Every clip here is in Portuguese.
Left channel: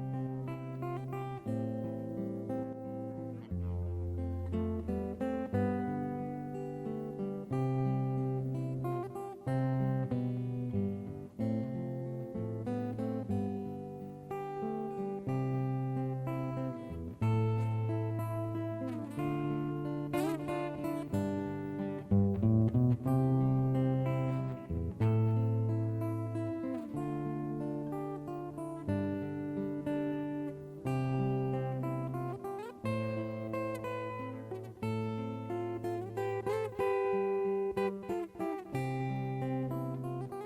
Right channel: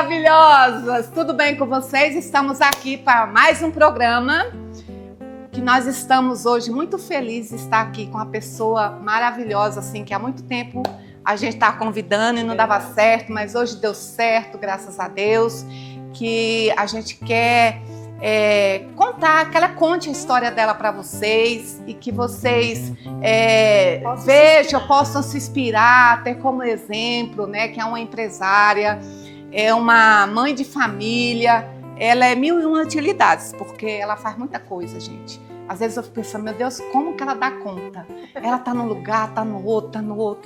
maravilhosas! Tudo bem com vocês? Estamos aqui para mais um programa que nós estamos hoje muito felizes de estar aqui com uma pessoa maravilhosa, assim, que há muito tempo a gente está convidando e não dava certo, mas hoje deu certo, graças a Deus, que a gente quer contar, que ela conte a história dela para vocês e que vocês vejam, possam se inspirar, ter como exemplo, né, que é uma empresária, é uma mãe de família, ela é mil e uma utilidades, porque ela faz muita coisa, gente. Às vezes eu fico pensando, meu Deus, como que ela dá conta? Ela tá num lugar, tá no outro.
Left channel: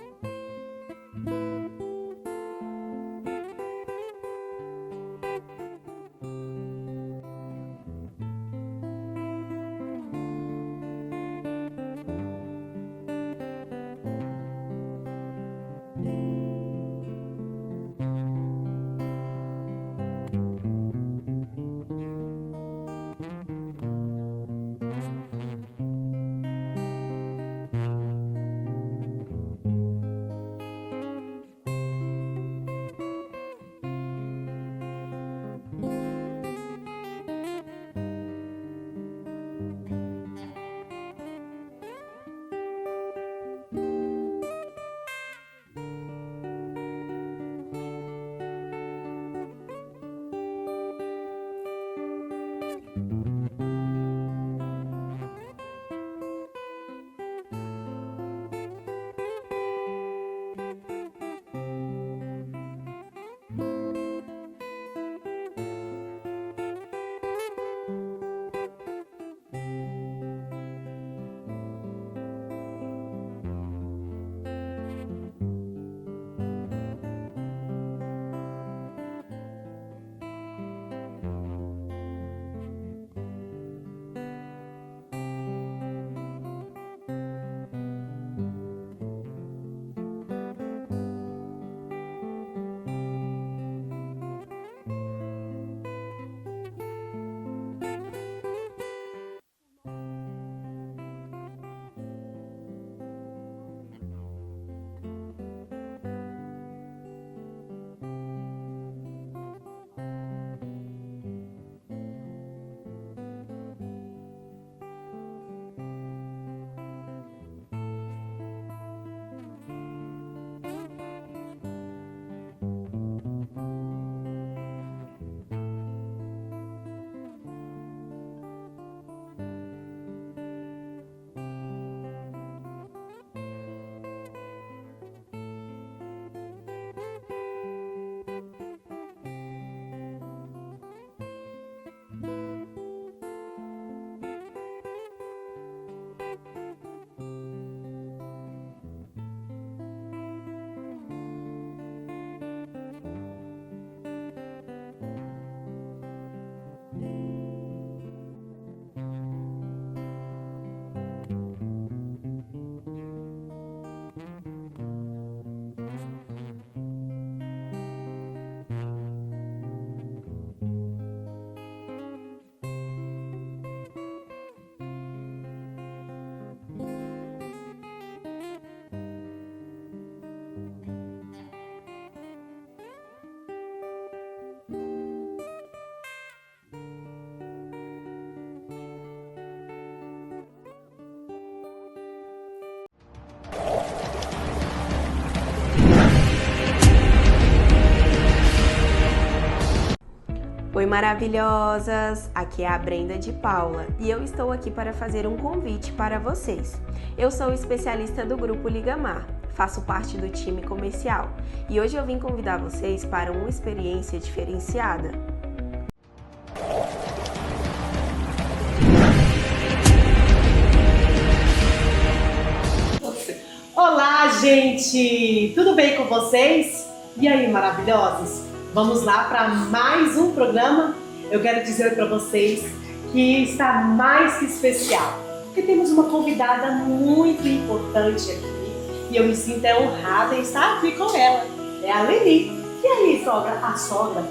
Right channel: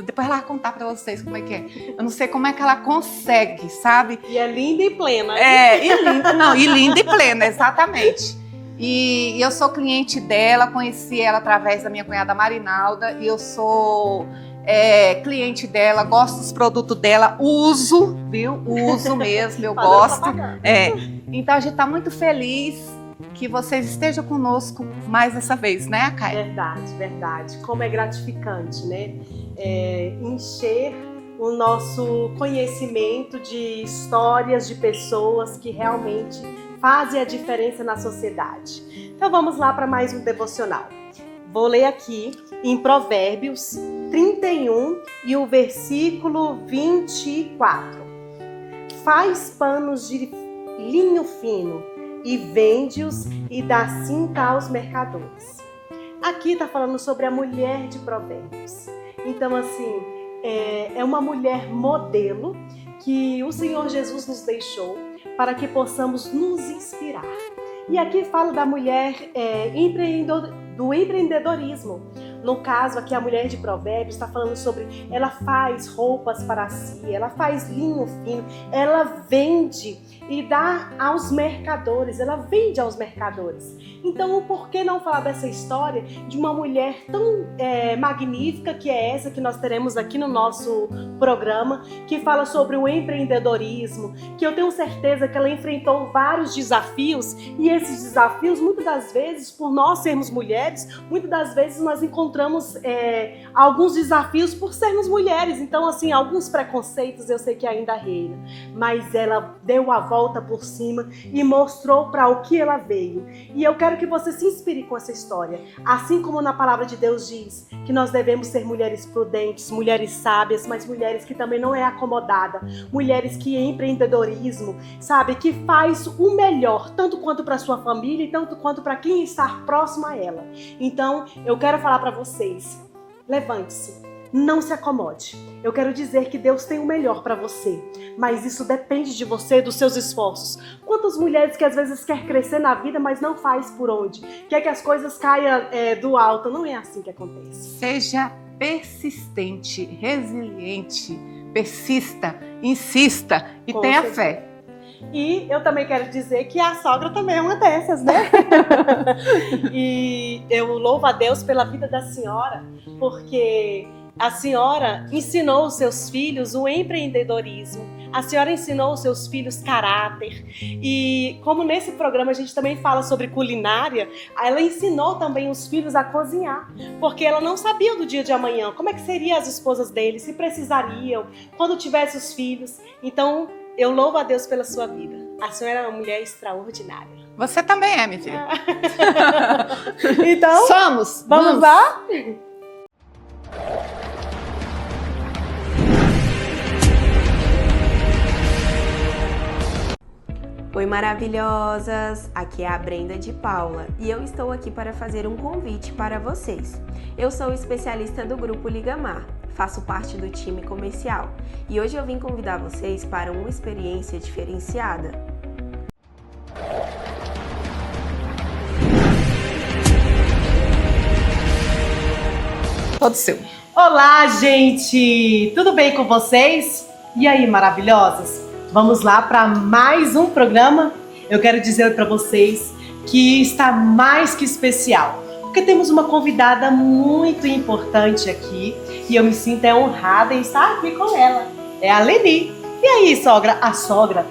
Depois ela vai contar pra vocês como é que é. Eu não sei como é que ela consegue, sabe? E é linda e plena. E linda e plena, exatamente. E eu sou cliente dela, conheci ela através da minha cunhada Marinalda, e eu sou cliente dela, gosto dos produtos dela, uso, viu? Uso mesmo, eu gosto. Então a gente tá muito feliz que vocês estejam conosco mais essa vez, né, Caia? Verdade. Como é gratificante, né? Encher o nosso conhecimento de histórias de pessoas que realmente fazem a diferença na sociedade. Então vamos lá para mais um devocional. Vou ler aqui em Provérbios 31 e o versículo 24. Faz panos de linho fino e vende-os e dá cinta aos mercadores. Aqui está falando sobre a mulher de Provérbios. Então, assim, é uma mulher modelo que o Senhor Jesus nos deixou para que possamos nos inspirar. E aqui fala da mulher do empreendedorismo. No caso aqui, a mulher de Provérbios está falando sobre, ela faz roupas para si, ela faz linho fino, ela vende e dá aos mercadores, ela vende aos mercadores. Então, por que não falar dessa história de uma mulher tão magnífica que é essa que nós teremos aqui no nosso programa, que fala sobre o empreendedorismo, que eu tenho certeza que ela enfrentou vários desafios, e esses desafios, muitas das vezes, por nós sermos mulheres, muitas das vezes nós encontramos alguns desafios por sermos mulheres. Então, assim, alguns preconceitos eu sei que ainda reinam, mas ela deu a volta por cima e mostrou para o que ela veio. E eu quero que você se inspire com essa história. Assim como na palavra de Deus diz que nós devemos ser mulheres prudentes, mulheres sábias, mas mulheres que também não é acomodada, mulheres que empreendedorismo, sabe, que faz o melhor, tanto quanto para sua família e tanto quanto para quem está próximo a ela. Então, eu quero falar para vocês, levante-se, não se acomode. Eu quero dizer que Deus tem o melhor para você, mas isso depende de você, dos seus esforços. Quantas mulheres que às vezes quer crescer na vida, mas não faz por onde? Quer que as coisas caiam do alto? Não é assim que acontece. Seja persistente, resiliente, persista, insista e tenha fé. E eu também quero dizer que a sogra também é uma dessas, né? E eu louvo a Deus pela vida da senhora, porque a senhora ensinou os seus filhos o empreendedorismo. A senhora ensinou os seus filhos caráter. E como nesse programa a gente também fala sobre culinária, ela ensinou também os filhos a cozinhar. Porque ela não sabia do dia de amanhã, como é que seriam as esposas deles, se precisariam, quando tivesse os filhos. Então, eu louvo a Deus pela sua vida. A senhora é uma mulher extraordinária. Você também é, minha filha. Então, vamos lá? Oi, maravilhosas! Aqui é a Brenda de Paula e eu estou aqui para fazer um convite para vocês. Eu sou especialista do Grupo Ligamar, faço parte do time comercial e hoje eu vim convidar vocês para uma experiência diferenciada. Todo seu. Olá, gente! Tudo bem com vocês? E aí, maravilhosas? Vamos lá para mais um programa. Eu quero dizer para vocês que está mais que especial, porque temos uma convidada muito importante aqui e eu me sinto honrada em estar aqui com ela. É a Leni. E aí, sogra? A sogra,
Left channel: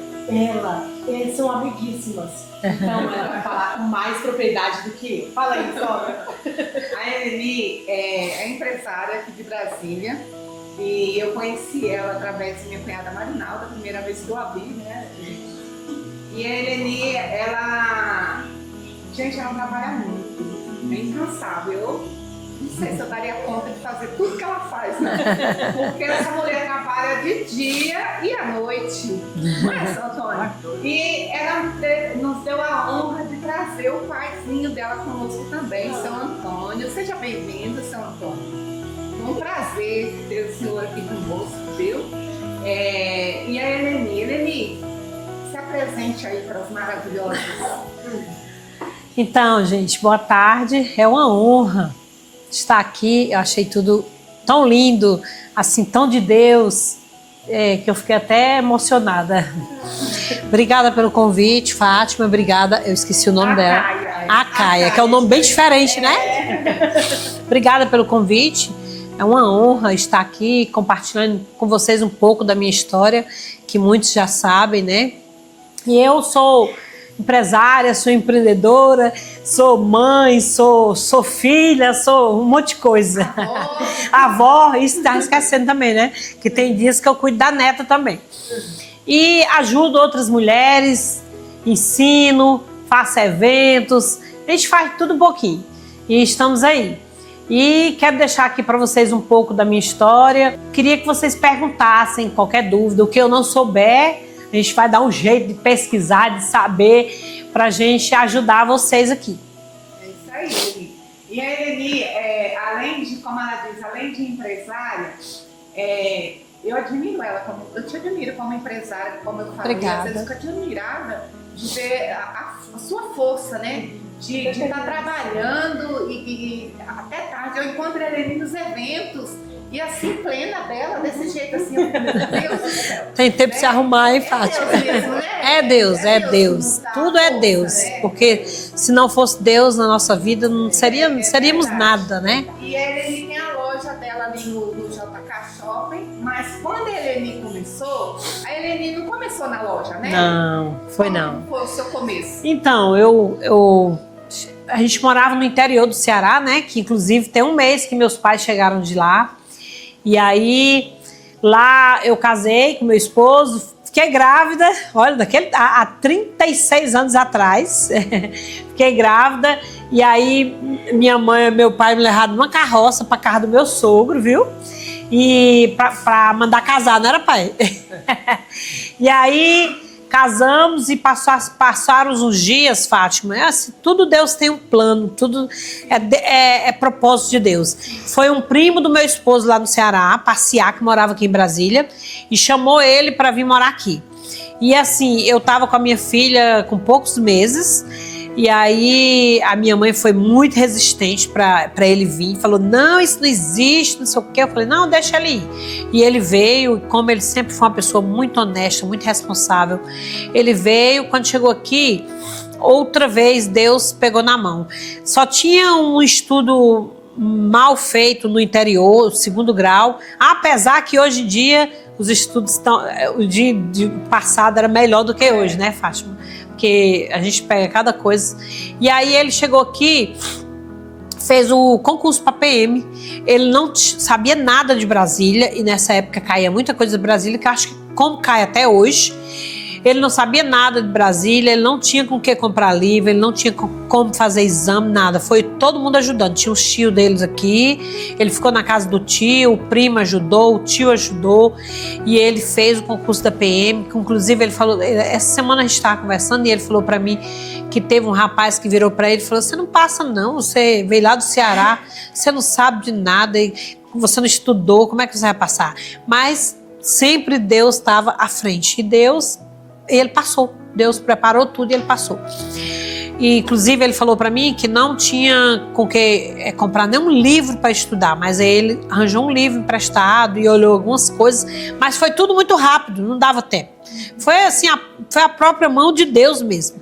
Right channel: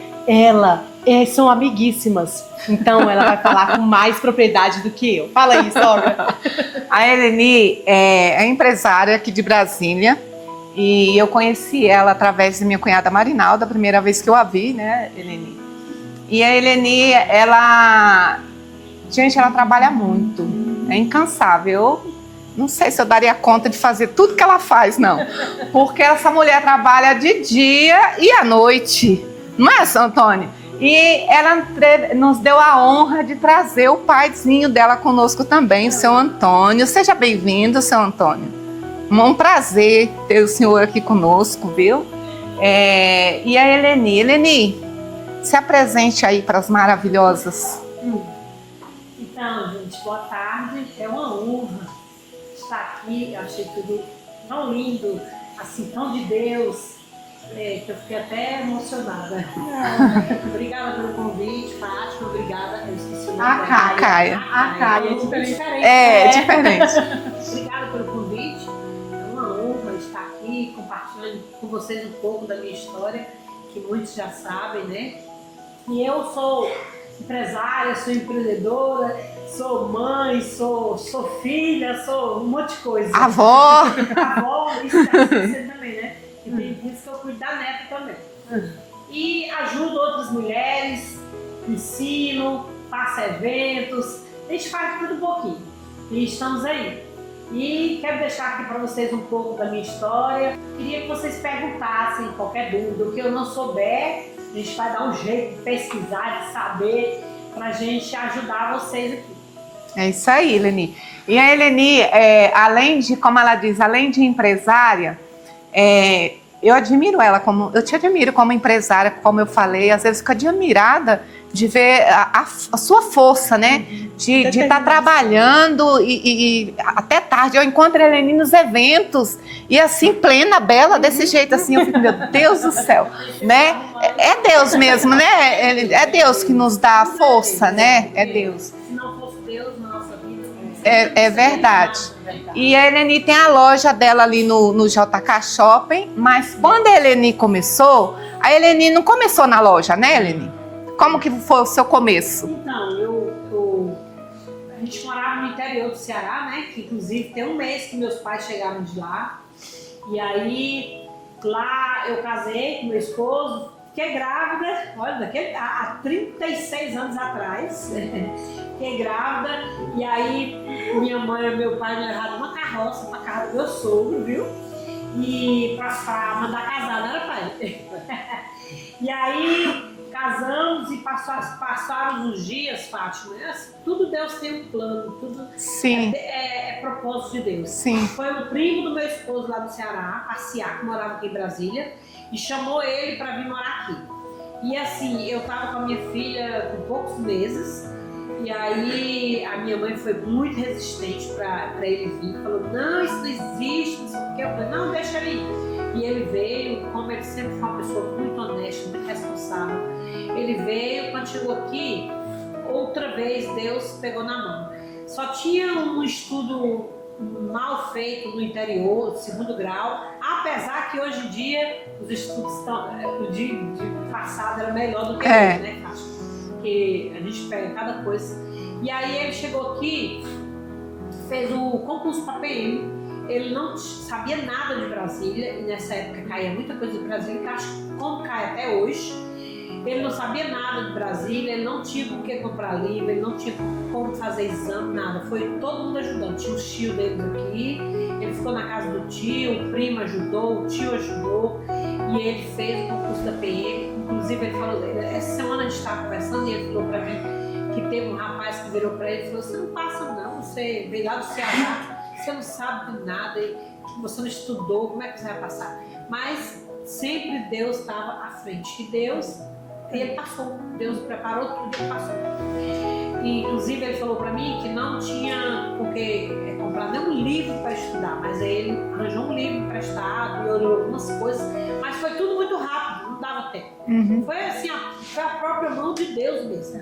são amiguíssimas. Então ela vai falar com mais propriedade do que eu. Fala aí, sogra. A Eleni é empresária aqui de Brasília E eu conheci ela através de minha cunhada Marinalda, a primeira vez que eu a vi, né, Eleni? E a Eleni, gente, ela trabalha muito, é incansável. Eu não sei se eu daria conta de fazer tudo que ela faz, não. Porque essa mulher trabalha de dia e à noite, não é, seu Antônio? E ela nos deu a honra de trazer o paizinho dela conosco também, o seu Antônio. Seja bem-vindo, seu Antônio. Um prazer ter o senhor aqui conosco, viu? E a Eleni. Eleni, se apresente aí para as maravilhosas. Então, gente, boa tarde. É uma honra estar aqui. Eu achei tudo tão lindo, assim, tão de Deus, que eu fiquei até emocionada. Obrigada pelo convite, Fátima. Obrigada. Eu esqueci o nome dela. A Caia, que é um nome bem diferente, né? É diferente. Obrigada pelo convite. É uma honra estar aqui compartilhando com vocês um pouco da minha história, que muitos já sabem, né? E eu sou empresária, sou empreendedora, sou mãe, sou filha, sou um monte de coisa. Avó. Avó, isso tá esquecendo também, né? Que tem dias que eu cuido da neta também. E ajudo outras mulheres, ensino, faço eventos, a gente faz tudo um pouquinho. E estamos aí. E quero deixar aqui para vocês um pouco da minha história. Queria que vocês perguntassem qualquer dúvida, o que eu não souber, a gente vai dar um jeito de pesquisar, de saber, para a gente ajudar vocês aqui. É isso aí, Eleni. E a Eleni, além de, como ela diz, além de empresária, eu admiro ela, eu te admiro como empresária, como eu falei. Obrigada. Às vezes fico admirada de ver a sua força, né? De estar trabalhando e até tarde. Eu encontro a Eleni nos eventos e assim, plena, bela, desse jeito assim, eu fico, meu Deus do céu. Tem tempo né? de arrumar, hein? É Deus mesmo, né? É Deus que nos dá tudo força, é Deus, né? porque Deus. se não fosse Deus na nossa vida, não seríamos verdade. nada, né? E a Eleni tem a loja dela ali no JK Shopping, mas quando a Eleni começou, a Eleni não começou na loja, né, Eleni? Não, foi Como não. que foi o seu começo? Então, a gente morava no interior do Ceará, né? Que inclusive tem um mês que meus pais chegaram de lá. E aí, lá eu casei com meu esposo, fiquei grávida, olha, há 36 anos atrás, fiquei grávida. E aí, minha mãe e meu pai me levaram numa carroça para casa do meu sogro, viu? E para mandar casar, não era pai? E aí casamos e passaram uns dias, Fátima. Assim, tudo Deus tem um plano, tudo é propósito de Deus. Sim. Foi um primo do meu esposo lá no Ceará, passear, que morava aqui em Brasília, e chamou ele para vir morar aqui. E assim, eu tava com a minha filha com poucos meses, e aí a minha mãe foi muito resistente para ele vir, falou, não, isso não existe, não sei o quê. Eu falei, não, deixa ele ir. E ele veio, como ele sempre foi uma pessoa muito honesta, muito responsável, ele veio. Quando chegou aqui, outra vez Deus pegou na mão. Só tinha um estudo mal feito no interior, segundo grau, apesar que hoje em dia os estudos estão, o de passado era melhor do que hoje, né, Fátima? Porque a gente pega cada coisa. E aí ele chegou aqui, fez o concurso para PM, ele não sabia nada de Brasília, e nessa época caía muita coisa de Brasília, que eu acho que como cai até hoje. Ele não sabia nada de Brasília, ele não tinha com o que comprar livro, ele não tinha como fazer exame, nada. Foi todo mundo ajudando. Tinha os tios deles aqui, ele ficou na casa do tio, o primo ajudou, o tio ajudou, e ele fez o concurso da PM, que inclusive ele falou, essa semana a gente estava conversando e ele falou para mim que teve um rapaz que virou para ele e falou, você não passa não, você veio lá do Ceará, você não sabe de nada, você não estudou, como é que você vai passar? Mas sempre Deus estava à frente, e ele passou. Deus preparou tudo e ele passou. E, inclusive, ele falou para mim que não tinha com que comprar nenhum livro para estudar, mas aí ele arranjou um livro emprestado e olhou algumas coisas, mas foi tudo muito rápido, não dava tempo. Foi assim, foi a própria mão de Deus mesmo.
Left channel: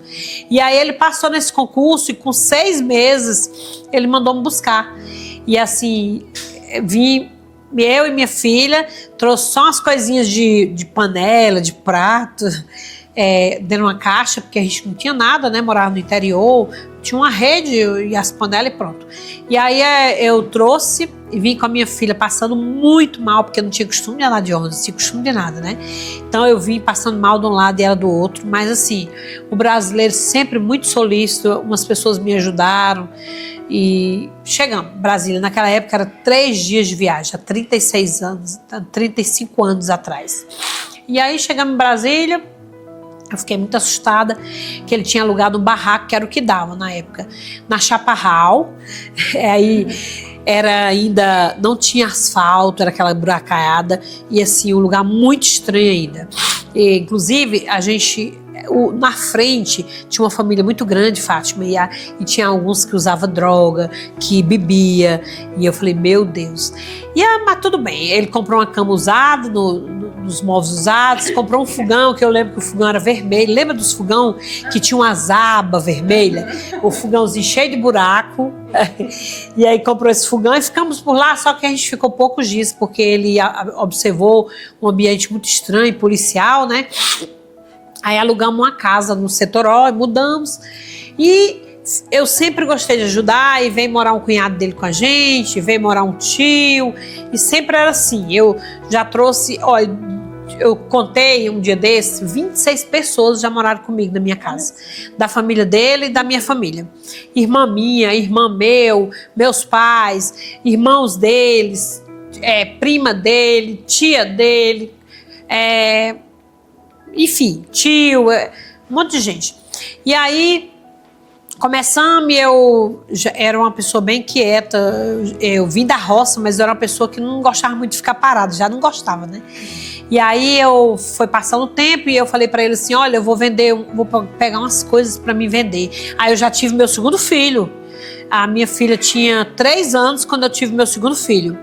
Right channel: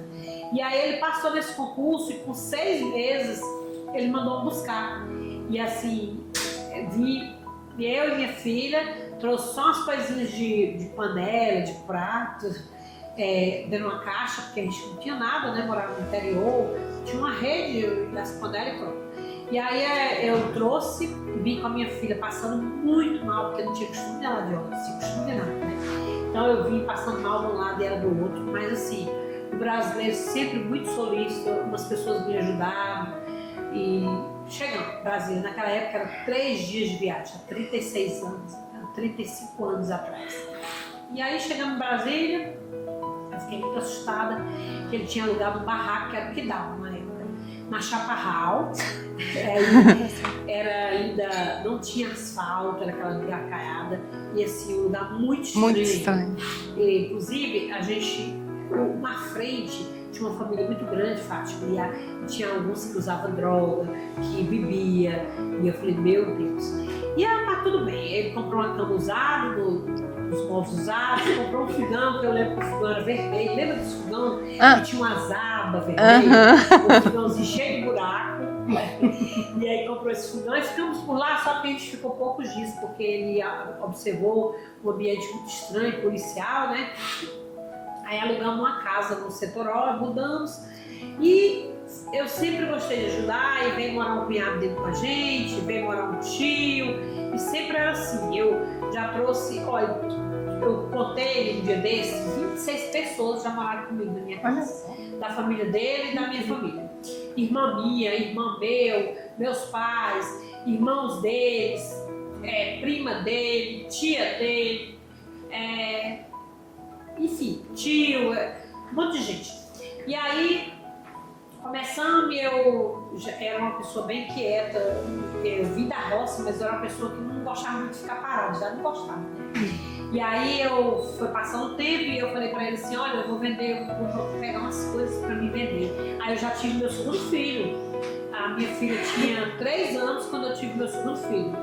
E aí ele passou nesse concurso e com 6 meses ele mandou me buscar. E assim, vim eu e minha filha, trouxe só umas coisinhas de panela, de prato. dentro de uma caixa, porque a gente não tinha nada, né? Morava no interior, tinha uma rede e as panelas e pronto. E aí eu trouxe e vim com a minha filha passando muito mal, porque eu não tinha costume de andar de ônibus, não tinha costume de nada, né? Então eu vim passando mal de um lado e ela do outro, mas assim, o brasileiro sempre muito solícito, umas pessoas me ajudaram e chegamos. Brasília, naquela época era 3 dias de viagem, há 36 anos, 35 anos atrás. E aí chegamos em Brasília. Eu fiquei muito assustada que ele tinha alugado um barraco, que era o que dava na época, na Chaparral. Aí ainda não tinha asfalto, era aquela buracaiada e assim, um lugar muito estranho ainda. E, inclusive, na frente tinha uma família muito grande, Fátima, e tinha alguns que usavam droga, que bebia, e eu falei, meu Deus. Mas tudo bem, ele comprou uma cama usada nos móveis usados, comprou um fogão, que eu lembro que o fogão era vermelho. Lembra dos fogão que tinha umas abas vermelhas? O fogãozinho cheio de buraco. E aí comprou esse fogão e ficamos por lá, só que a gente ficou poucos dias, porque ele observou um ambiente muito estranho, policial, né? Aí alugamos uma casa no Setor O e mudamos. E eu sempre gostei de ajudar, e veio morar um cunhado dele com a gente, veio morar um tio, e sempre era assim. Eu já trouxe, eu contei um dia desses, 26 pessoas já moraram comigo na minha casa, da família dele e da minha família. Irmã minha, irmã meus pais, irmãos deles, prima dele, tia dele, enfim, tio, um monte de gente. E aí começamos, eu era uma pessoa bem quieta, eu vim da roça, mas eu era uma pessoa que não gostava muito de ficar parada, já não gostava, né? E aí foi passando o tempo e eu falei pra ele assim, olha, eu vou pegar umas coisas pra me vender. Aí eu já tive meu segundo filho, a minha filha tinha 3 anos quando eu tive meu segundo filho.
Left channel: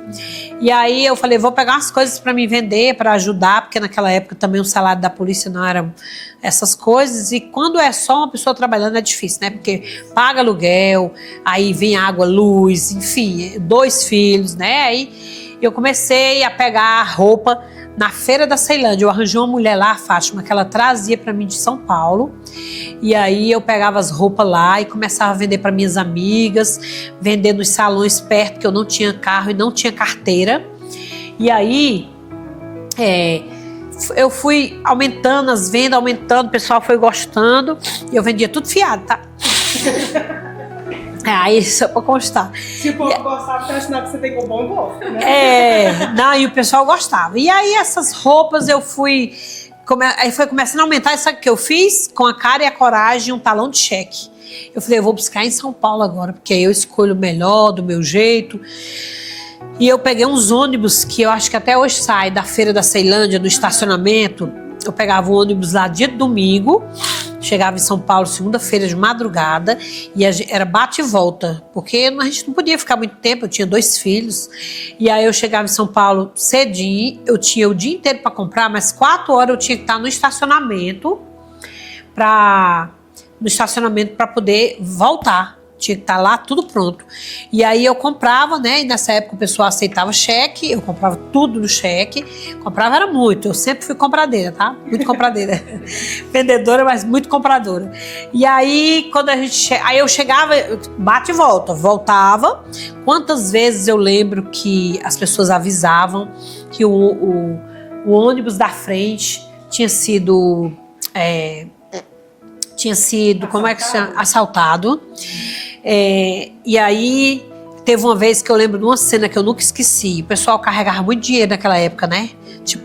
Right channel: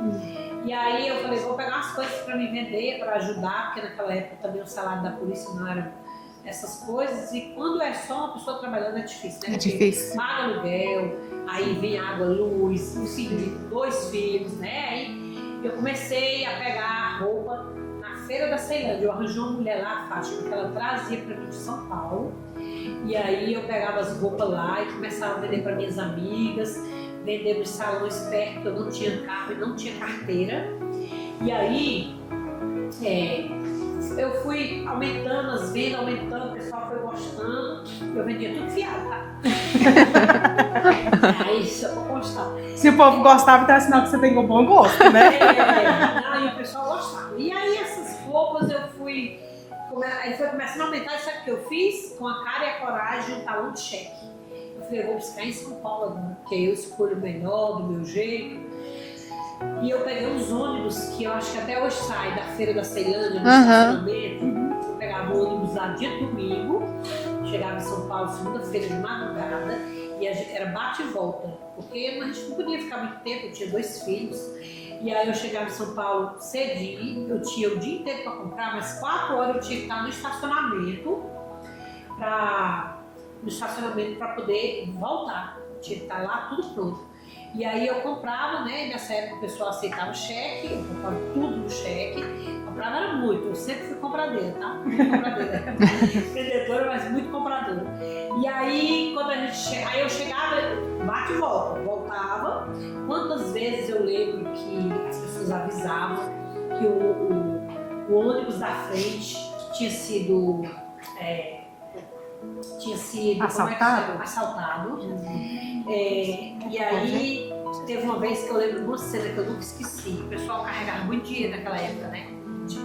E aí eu falei, vou pegar umas coisas para me vender, para ajudar, porque naquela época também o salário da polícia não era essas coisas. E quando é só uma pessoa trabalhando é difícil, né? Porque paga aluguel, aí vem água, luz, enfim, 2 filhos, né? Aí eu comecei a pegar roupa na Feira da Ceilândia. Eu arranjei uma mulher lá, Fátima, que ela trazia para mim de São Paulo. E aí eu pegava as roupas lá e começava a vender para minhas amigas, vender nos salões perto, porque eu não tinha carro e não tinha carteira. E aí eu fui aumentando as vendas, aumentando, o pessoal foi gostando e eu vendia tudo fiado, tá? Aí só pra constar. Se o povo gostava, então é sinal que você tem um bom gosto, né? Não, e o pessoal gostava. E aí essas roupas eu fui... Aí foi começando a aumentar, e sabe o que eu fiz? Com a cara e a coragem, um talão de cheque. Eu falei, eu vou buscar em São Paulo agora, porque aí eu escolho o melhor, do meu jeito. E eu peguei uns ônibus, que eu acho que até hoje sai, da Feira da Ceilândia, do estacionamento. Eu pegava o ônibus lá dia de domingo, chegava em São Paulo segunda-feira de madrugada, e era bate e volta, porque a gente não podia ficar muito tempo, eu tinha 2 filhos. E aí eu chegava em São Paulo cedinho, eu tinha o dia inteiro para comprar, mas 4 horas eu tinha que estar no estacionamento para poder voltar. Tinha que estar lá tudo pronto. E aí eu comprava, né? E nessa época o pessoal aceitava cheque, eu comprava tudo no cheque. Comprava era muito, eu sempre fui compradeira, tá? Muito compradeira. Vendedora, mas muito compradora. E aí, quando aí eu chegava, bate e volta, voltava. Quantas vezes eu lembro que as pessoas avisavam que o ônibus da frente tinha sido, assaltado. Como é que chama? Assaltado. E aí teve uma vez que eu lembro de uma cena que eu nunca esqueci. O pessoal carregava muito dinheiro naquela época, né? Tipo,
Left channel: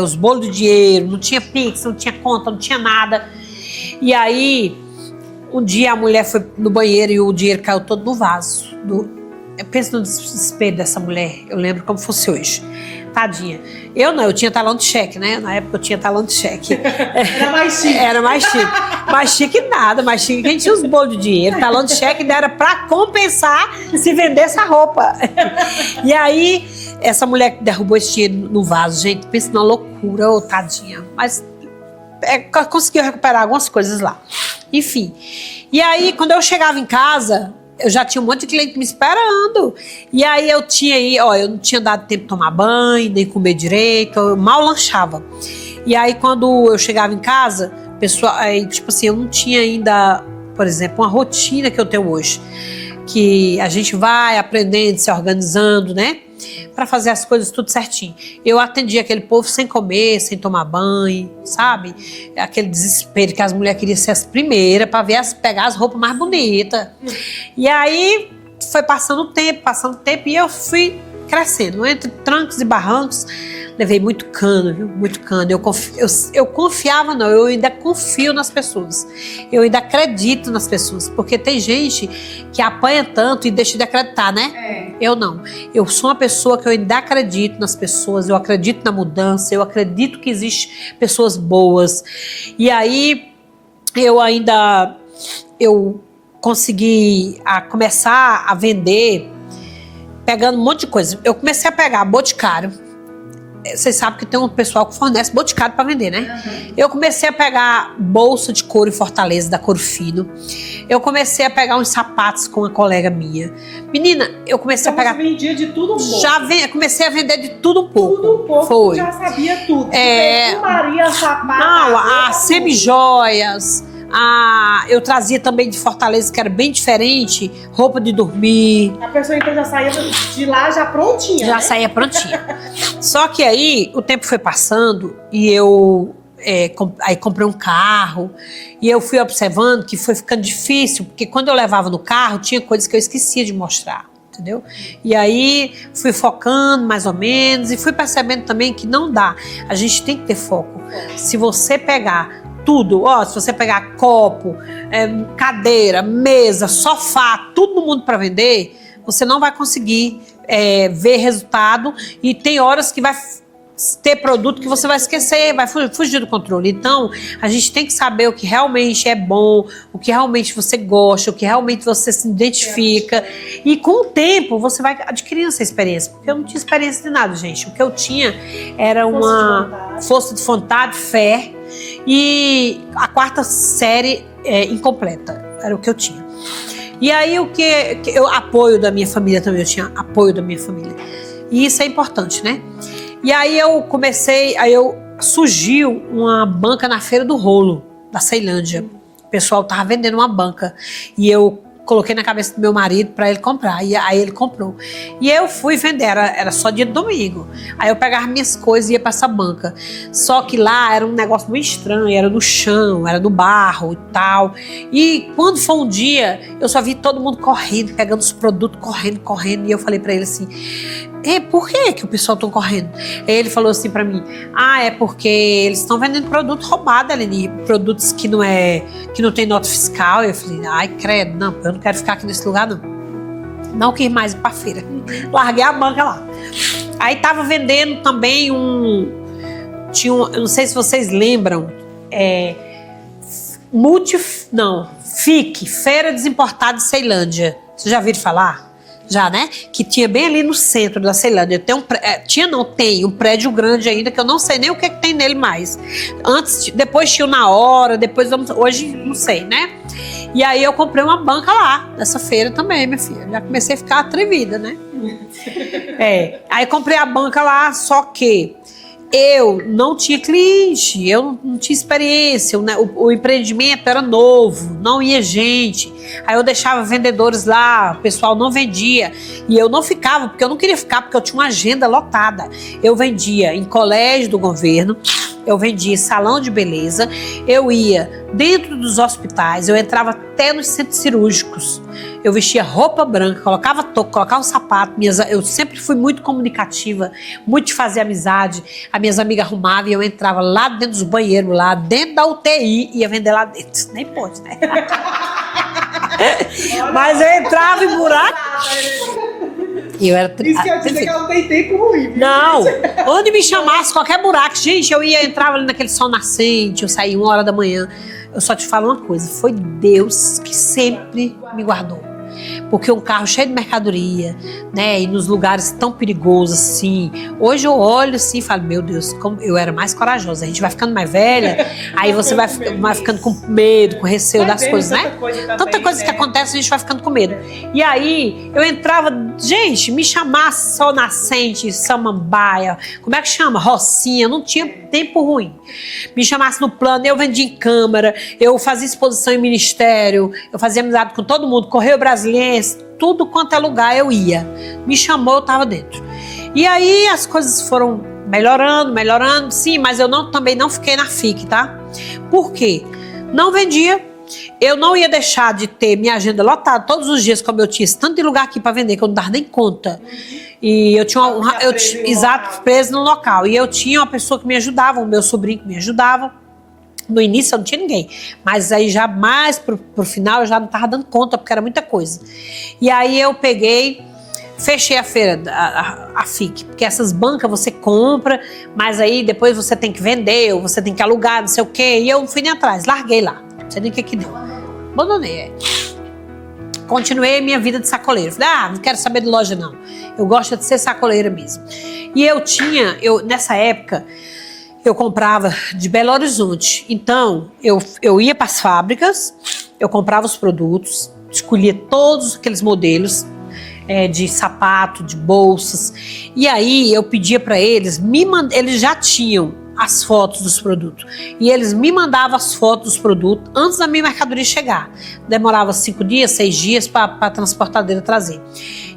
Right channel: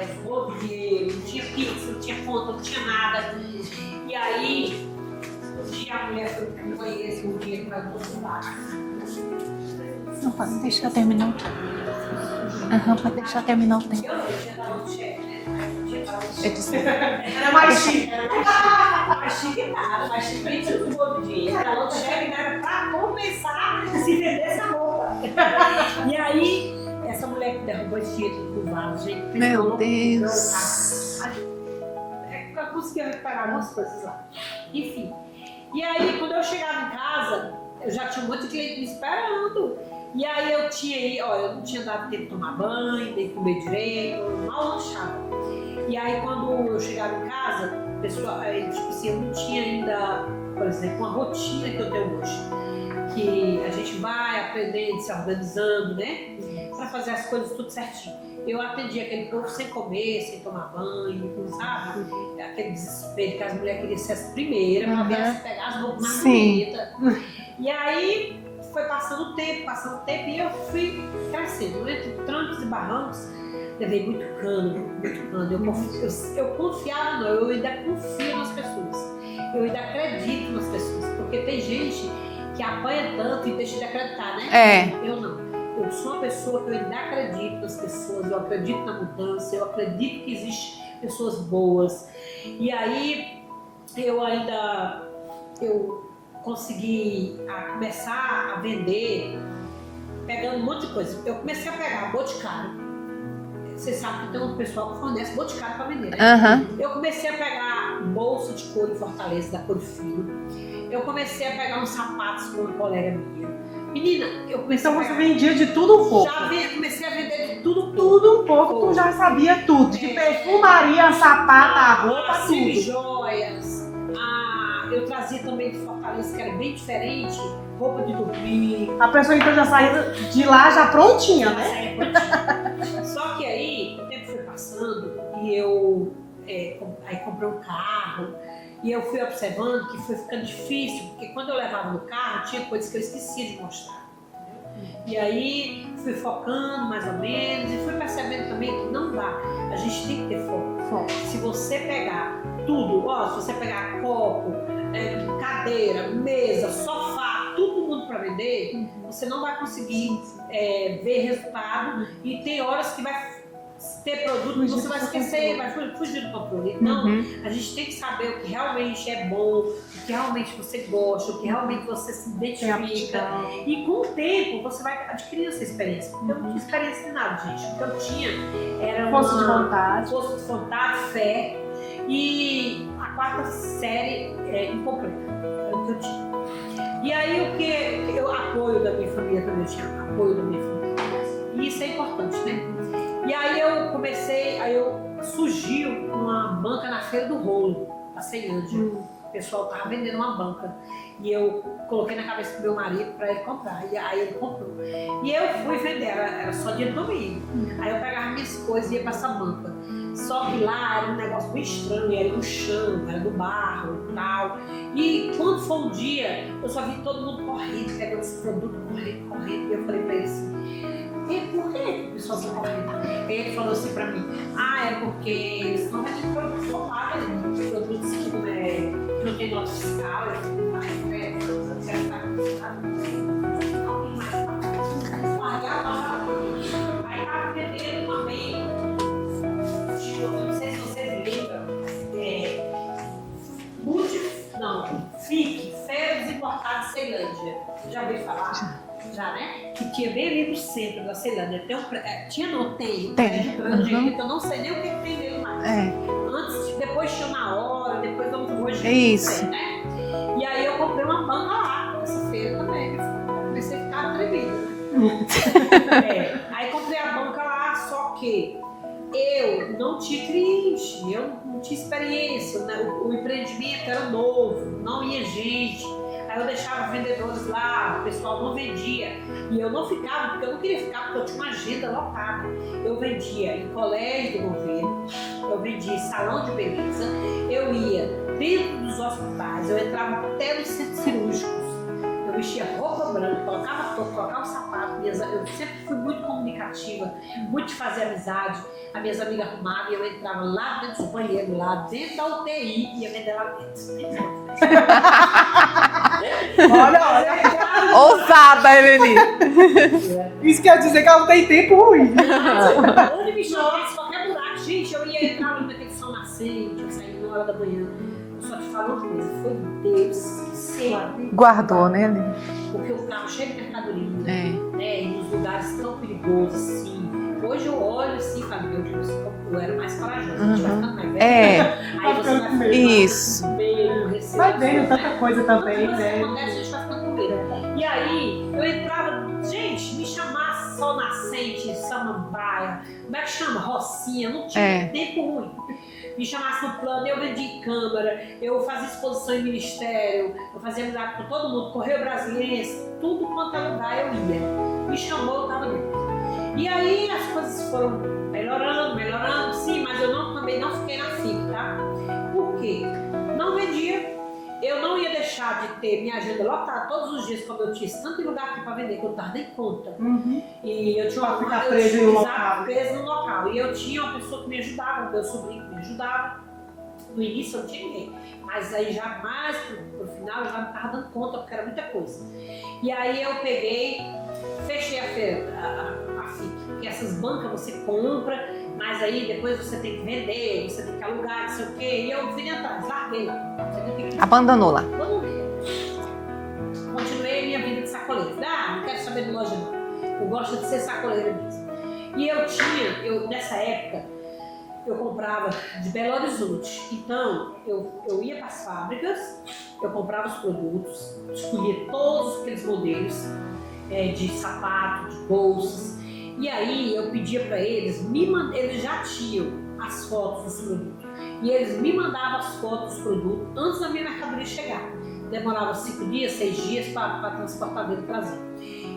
os bolos de dinheiro, não tinha Pix, não tinha conta, não tinha nada. E aí, um dia a mulher foi no banheiro e o dinheiro caiu todo no vaso. Eu penso no desespero dessa mulher, eu lembro como fosse hoje. Tadinha. Eu tinha talão de cheque, né? Na época eu tinha talão de cheque. Era mais chique. Era mais chique. Mais chique nada, mais chique que a gente tinha os bolos de dinheiro. Talão de cheque ainda era pra compensar se vendesse a roupa. E aí, essa mulher que derrubou esse dinheiro no vaso, gente, pensa numa loucura, tadinha. Mas conseguiu recuperar algumas coisas lá. Enfim. E aí, quando eu chegava em casa, eu já tinha um monte de cliente me esperando. E aí eu não tinha dado tempo de tomar banho, nem comer direito, eu mal lanchava. E aí quando eu chegava em casa, pessoal, aí, tipo assim, eu não tinha ainda, por exemplo, uma rotina que eu tenho hoje. Que a gente vai aprendendo, se organizando, né? Para fazer as coisas tudo certinho. Eu atendi aquele povo sem comer, sem tomar banho, sabe? Aquele desespero que as mulheres queriam ser as primeiras para pegar as roupas mais bonitas. E aí foi passando o tempo e eu fui crescendo. Entre trancos e barrancos, levei muito cano, viu? Muito cano. Eu confiava, não, eu ainda confio nas pessoas. Eu ainda acredito nas pessoas. Porque tem gente que apanha tanto e deixa de acreditar, né? Eu não. Eu sou uma pessoa que eu ainda acredito nas pessoas, eu acredito na mudança, eu acredito que existem pessoas boas. E aí, eu consegui começar a vender pegando um monte de coisa. Eu comecei a pegar boticário. Vocês sabem que tem um pessoal que fornece boticário para vender, né? Eu comecei a pegar bolsa de couro em Fortaleza, da Couro Fino. Eu comecei a pegar uns sapatos com uma colega minha. Menina, eu comecei a pegar... Você vendia de tudo um pouco. Comecei a vender de tudo um pouco. Tudo um pouco, Foi. já sabia tudo. Perfumaria, sapato... Não, as semijoias... eu trazia também de Fortaleza, que era bem diferente, roupa de dormir. A pessoa então já saía de lá já prontinha. Já saía prontinha. Só que aí o tempo foi passando e eu aí comprei um carro e eu fui observando que foi ficando difícil, porque quando eu levava no carro tinha coisas que eu esquecia de mostrar. Entendeu? E aí fui focando mais ou menos e fui percebendo também que não dá. A gente tem que ter foco. Se você pegar tudo, se você pegar copo, cadeira, mesa, sofá, tudo no mundo para vender, você não vai conseguir ver resultado e tem horas que vai ter produto que você vai esquecer, vai fugir do controle. Então, a gente tem que saber o que realmente é bom, o que realmente você gosta, o que realmente você se identifica. E com o tempo, você vai adquirindo essa experiência. Porque eu não tinha experiência de nada, gente. O que eu tinha era uma força de vontade, fé e a 4ª série incompleta. Era o que eu tinha. E aí, apoio da minha família também, eu tinha apoio da minha família. E isso é importante, né? E aí surgiu uma banca na Feira do Rolo, da Ceilândia. O pessoal tava vendendo uma banca. E eu coloquei na cabeça do meu marido para ele comprar. E aí ele comprou. E eu fui vender, era só dia de domingo. Aí eu pegava minhas coisas e ia para essa banca. Só que lá era um negócio muito estranho, era no chão, era no barro e tal. E quando foi um dia, eu só vi todo mundo correndo, pegando os produtos, correndo. E eu falei para ele assim... por que o pessoal está correndo? Ele falou assim pra mim, é porque eles estão vendendo produto roubado, Aline, produtos que não tem nota fiscal. Eu falei, ai, credo, não, eu não quero ficar aqui nesse lugar, não. Não quis mais ir pra feira. Larguei a banca lá. Aí tava vendendo também eu não sei se vocês lembram, FIC, Feira Desimportada de Ceilândia. Vocês já viram falar? Já, né? Que tinha bem ali no centro da Ceilândia. Tem um prédio grande ainda, que eu não sei nem o que tem nele mais. Depois tinha Na Hora, hoje não sei, né? E aí eu comprei uma banca lá, nessa feira também, minha filha. Já comecei a ficar atrevida, né? Aí comprei a banca lá, só que eu não tinha cliente, eu não tinha experiência, o empreendimento era novo, não ia gente. Aí eu deixava vendedores lá, o pessoal não vendia. E eu não ficava, porque eu não queria ficar, porque eu tinha uma agenda lotada. Eu vendia em colégio do governo, eu vendia em salão de beleza, eu ia dentro dos hospitais, eu entrava até nos centros cirúrgicos. Eu vestia roupa branca, colocava touca, colocava um sapato. Eu sempre fui muito comunicativa, muito de fazer amizade. As minhas amigas arrumavam e eu entrava lá dentro dos banheiros, lá dentro da UTI, ia vender lá dentro. Nem pode, né? Mas eu entrava e ousada, Evelyn. Eu era Isso quer dizer que ela tem tempo ruim. Não, onde me chamasse, qualquer buraco. Gente, eu entrava ali naquele sol nascente, eu saía 1h da manhã. Eu só te falo uma coisa, foi Deus que sempre guardou, né? Porque um carro cheio de mercadoria, né? E nos lugares tão perigosos assim. Hoje eu olho assim e falo, meu Deus, como eu era mais corajosa. A gente vai ficando mais velha, aí você vai ficando com medo, com receio das coisas, né? Tanta coisa que acontece, a gente vai ficando com medo. E aí eu entrava gente, me chamasse Sol Nascente, Samambaia, como é que chama? Rocinha, não tinha tempo ruim. Me chamasse no plano, eu vendia em Câmara, eu fazia exposição em ministério, eu fazia amizade com todo mundo, Correio Brasiliense, tudo quanto é lugar eu ia. Me chamou, eu tava dentro. E aí as coisas foram melhorando, sim, mas eu também não fiquei na FIC, tá? Por quê? Não vendia. Eu não ia deixar de ter minha agenda lotada todos os dias, como eu tinha esse tanto de lugar aqui para vender, que eu não dava nem conta. E eu tinha preso no local. E eu tinha uma pessoa que me ajudava, o meu sobrinho que me ajudava. No início eu não tinha ninguém, mas aí já mais pro final eu já não estava dando conta, porque era muita coisa. E aí eu fechei a feira, a FIC, porque essas bancas você compra, mas aí depois você tem que vender, ou você tem que alugar, não sei o quê. E eu não fui nem atrás, larguei lá. Não sei nem o que. Abandonou lá. Abandonei. Continuei a minha vida de sacoleiro. Falei, não quero saber de loja não. Eu gosto de ser sacoleira mesmo. E nessa época, eu comprava de Belo Horizonte. Então, eu ia para as fábricas, eu comprava os produtos, escolhia todos aqueles modelos, de sapato, de bolsas. E aí eu pedia para eles, eles já tinham as fotos dos produtos. E eles me mandavam as fotos dos produtos antes da minha mercadoria chegar. Demorava 5 dias, 6 dias para a transportadeira trazer.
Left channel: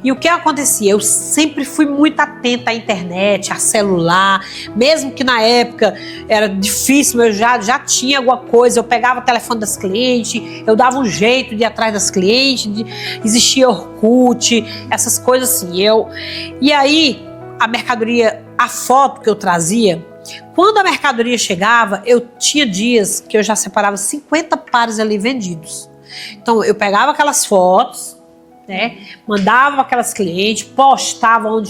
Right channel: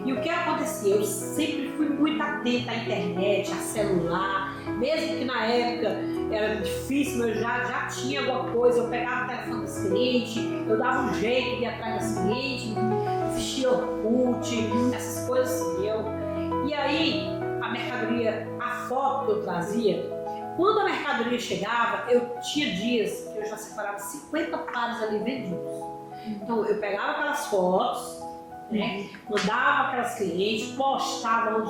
E o que acontecia? Eu sempre fui muito atenta à internet, a celular, mesmo que na época era difícil, eu já tinha alguma coisa, eu pegava o telefone das clientes, eu dava um jeito de ir atrás das clientes, existia Orkut, essas coisas assim. E aí, a mercadoria, a foto que eu trazia, quando a mercadoria chegava, eu tinha dias que eu já separava 50 pares ali vendidos. Então, eu pegava aquelas fotos, mandava aquelas clientes, postava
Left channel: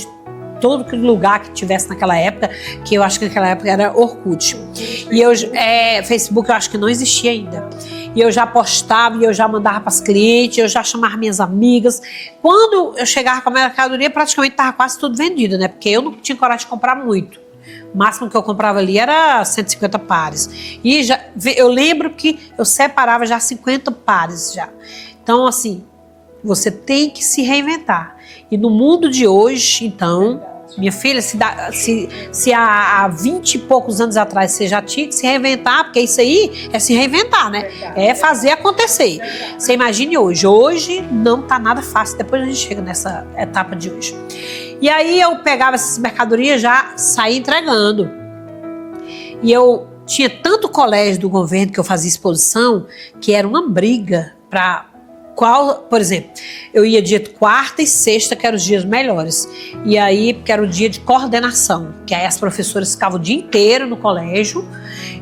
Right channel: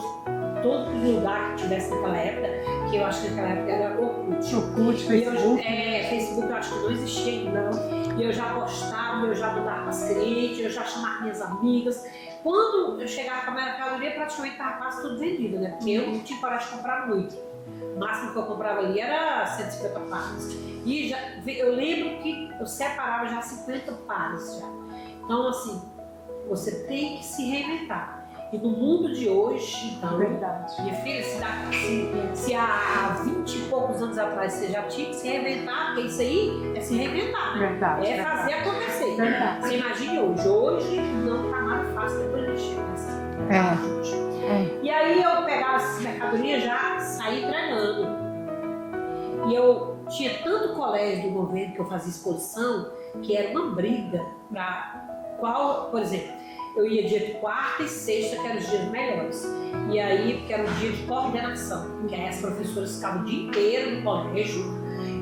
todo aquele lugar que tivesse naquela época, que eu acho que naquela época era Orkut. E Facebook eu acho que não existia ainda. E eu já postava, e eu já mandava para as clientes, eu já chamava minhas amigas. Quando eu chegava com a mercadoria, praticamente estava quase tudo vendido, né? Porque eu não tinha coragem de comprar muito. O máximo que eu comprava ali era 150 pares. E eu lembro que eu separava já 50 pares já. Então, assim, você tem que se reinventar. E no mundo de hoje, então, minha filha, se há 20 e poucos anos atrás você já tinha que se reinventar, porque isso aí é se reinventar, né? É fazer acontecer. Você imagine hoje. Hoje não tá nada fácil. Depois a gente chega nessa etapa de hoje. E aí eu pegava essas mercadorias, já saía entregando. E eu tinha tanto colégio do governo que eu fazia exposição, que era uma briga para por exemplo, eu ia dia de quarta e sexta, que eram os dias melhores. E aí, porque era o dia de coordenação, que aí as professoras ficavam o dia inteiro no colégio.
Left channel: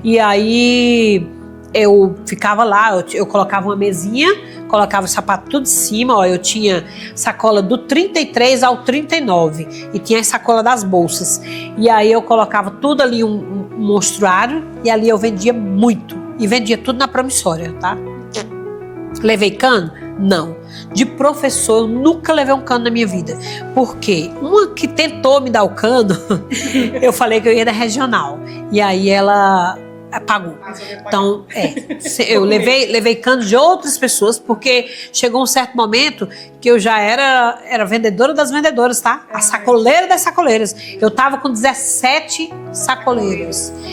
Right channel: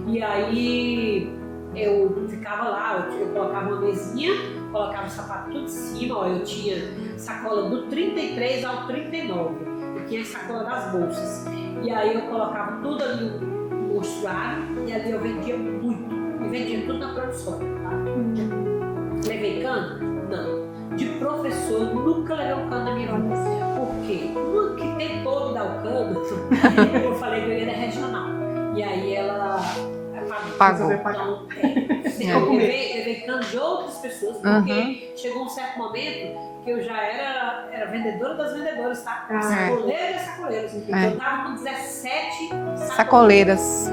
E aí eu ficava lá, eu colocava uma mesinha, colocava o sapato tudo em cima. Ó, eu tinha sacola do 33 ao 39 e tinha a sacola das bolsas. E aí eu colocava tudo ali, um monstruário, e ali eu vendia muito. E vendia tudo na promissória, tá? Levei cano? Não. De professor, eu nunca levei um cano na minha vida. Por quê? Uma que tentou me dar o cano, eu falei que eu ia da regional. E aí ela pagou. Então, eu levei cano de outras pessoas, porque chegou um certo momento que eu já era vendedora das vendedoras, tá? A sacoleira das sacoleiras. Eu tava com 17 sacoleiras.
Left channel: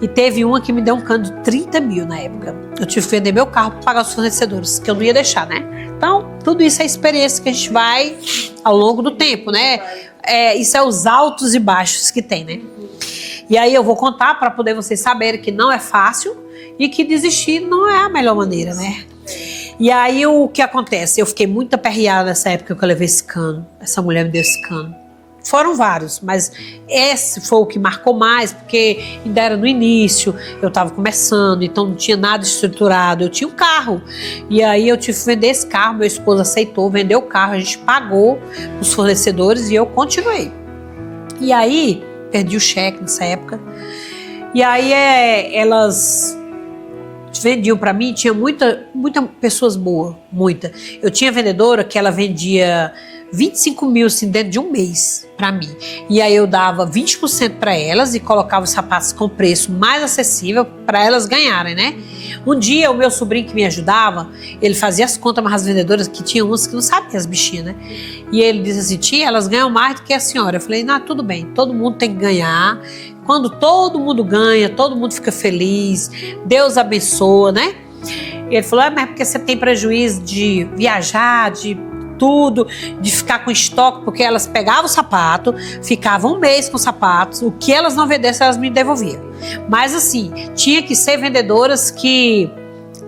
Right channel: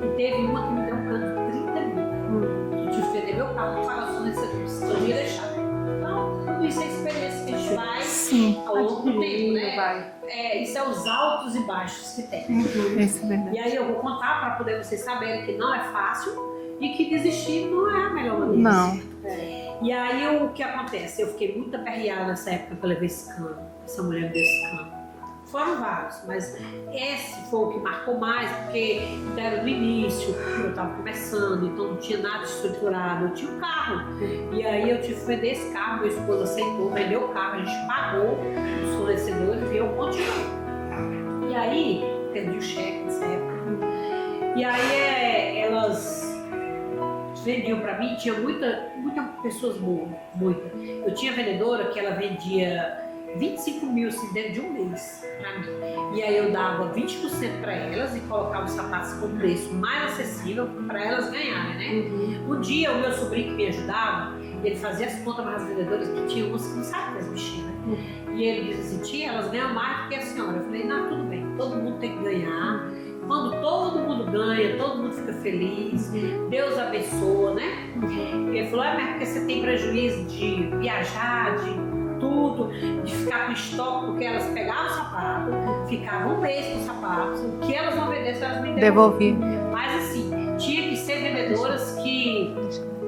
E teve uma que me deu um cano de 30 mil na época. Eu tive que vender meu carro para pagar os fornecedores, que eu não ia deixar, né? Então, tudo isso é experiência que a gente vai ao longo do tempo, né? Isso é os altos e baixos que tem, né? E aí eu vou contar para poder vocês saberem que não é fácil e que desistir não é a melhor maneira, né? E aí o que acontece? Eu fiquei muito aperreada nessa época que eu levei esse cano. Essa mulher me deu esse cano. Foram vários, mas esse foi o que marcou mais, porque ainda era no início, eu estava começando, então não tinha nada estruturado, eu tinha um carro. E aí eu tive que vender esse carro, meu esposo aceitou, vendeu o carro, a gente pagou os fornecedores e eu continuei. E aí, perdi o cheque nessa época, e aí elas vendiam para mim, tinha muita pessoas boas, muita. Eu tinha vendedora que ela vendia 25 mil assim, dentro de um mês para mim. E aí eu dava 20% para elas e colocava os sapatos com preço mais acessível para elas ganharem, né? Um dia, o meu sobrinho que me ajudava, ele fazia as contas, mas as vendedoras, que tinham umas que não sabiam as bichinhas, né? E ele disse assim, tia, elas ganham mais do que a senhora. Eu falei, não, tudo bem, todo mundo tem que ganhar. Quando todo mundo ganha, todo mundo fica feliz, Deus abençoa, né? Ele falou, mas é porque você tem prejuízo de viajar, de tudo, de ficar com estoque, porque elas pegavam o sapato, ficavam um mês com os sapatos, o que elas não vendessem, elas me devolviam. Mas assim, tinha que ser vendedoras que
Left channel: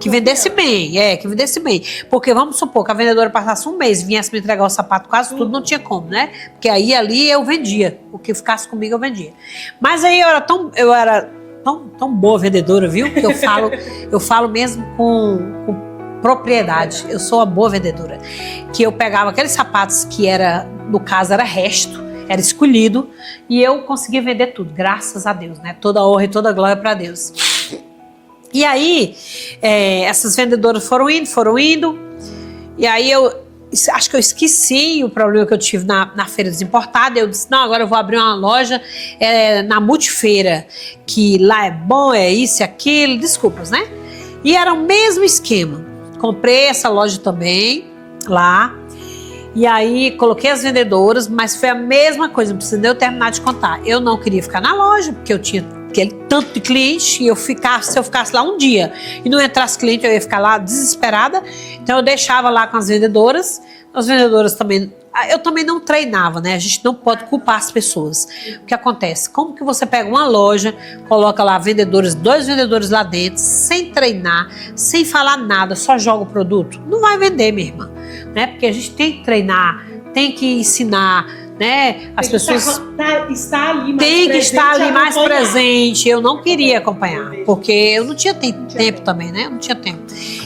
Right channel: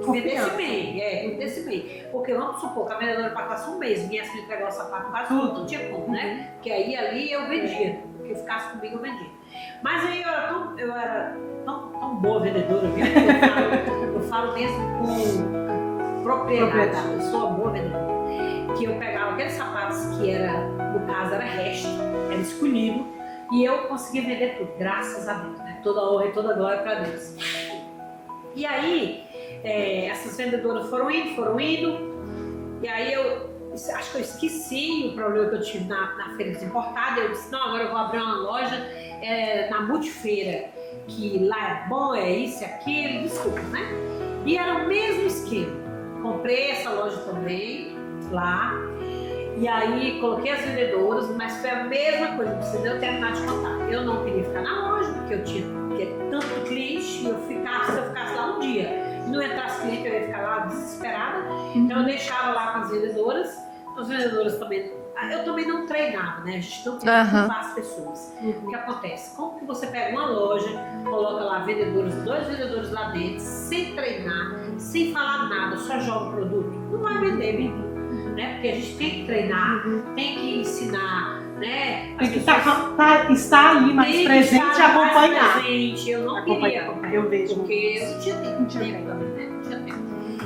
vendesse bem, que vendesse bem. Porque vamos supor que a vendedora passasse um mês, viesse me entregar o sapato quase tudo, não tinha como, né? Porque aí ali eu vendia, o que ficasse comigo eu vendia. Mas aí eu era tão boa vendedora, viu? Que eu falo mesmo com propriedade. Eu sou uma boa vendedora. Que eu pegava aqueles sapatos que era, no caso, era resto, era escolhido, e eu conseguia vender tudo, graças a Deus, né? Toda honra e toda glória para Deus. E aí, essas vendedoras foram indo, e aí acho que eu esqueci o problema que eu tive na Feira dos Importados. Eu disse, não, agora eu vou abrir uma loja na Multifeira, que lá é bom, é isso e aquilo, desculpas, né? E era o mesmo esquema. Comprei essa loja também, lá, e aí coloquei as vendedoras, mas foi a mesma coisa, não precisa nem eu terminar de contar. Eu não queria ficar na loja, porque eu tinha aquele tanto de cliente, e se eu ficasse lá um dia e não entrasse cliente, eu ia ficar lá desesperada. Então eu deixava lá com as vendedoras também. Eu também não treinava, né? A gente não pode culpar as pessoas. O que acontece? Como que você pega uma loja, coloca lá vendedores, 2 vendedores lá dentro, sem treinar, sem falar nada, só joga o produto? Não vai vender, minha irmã, né? Porque a gente tem que treinar, tem que ensinar, né? As pessoas tem que estar ali mais presente. Eu não queria acompanhar, porque eu não tinha tempo também, né? Eu não tinha tempo.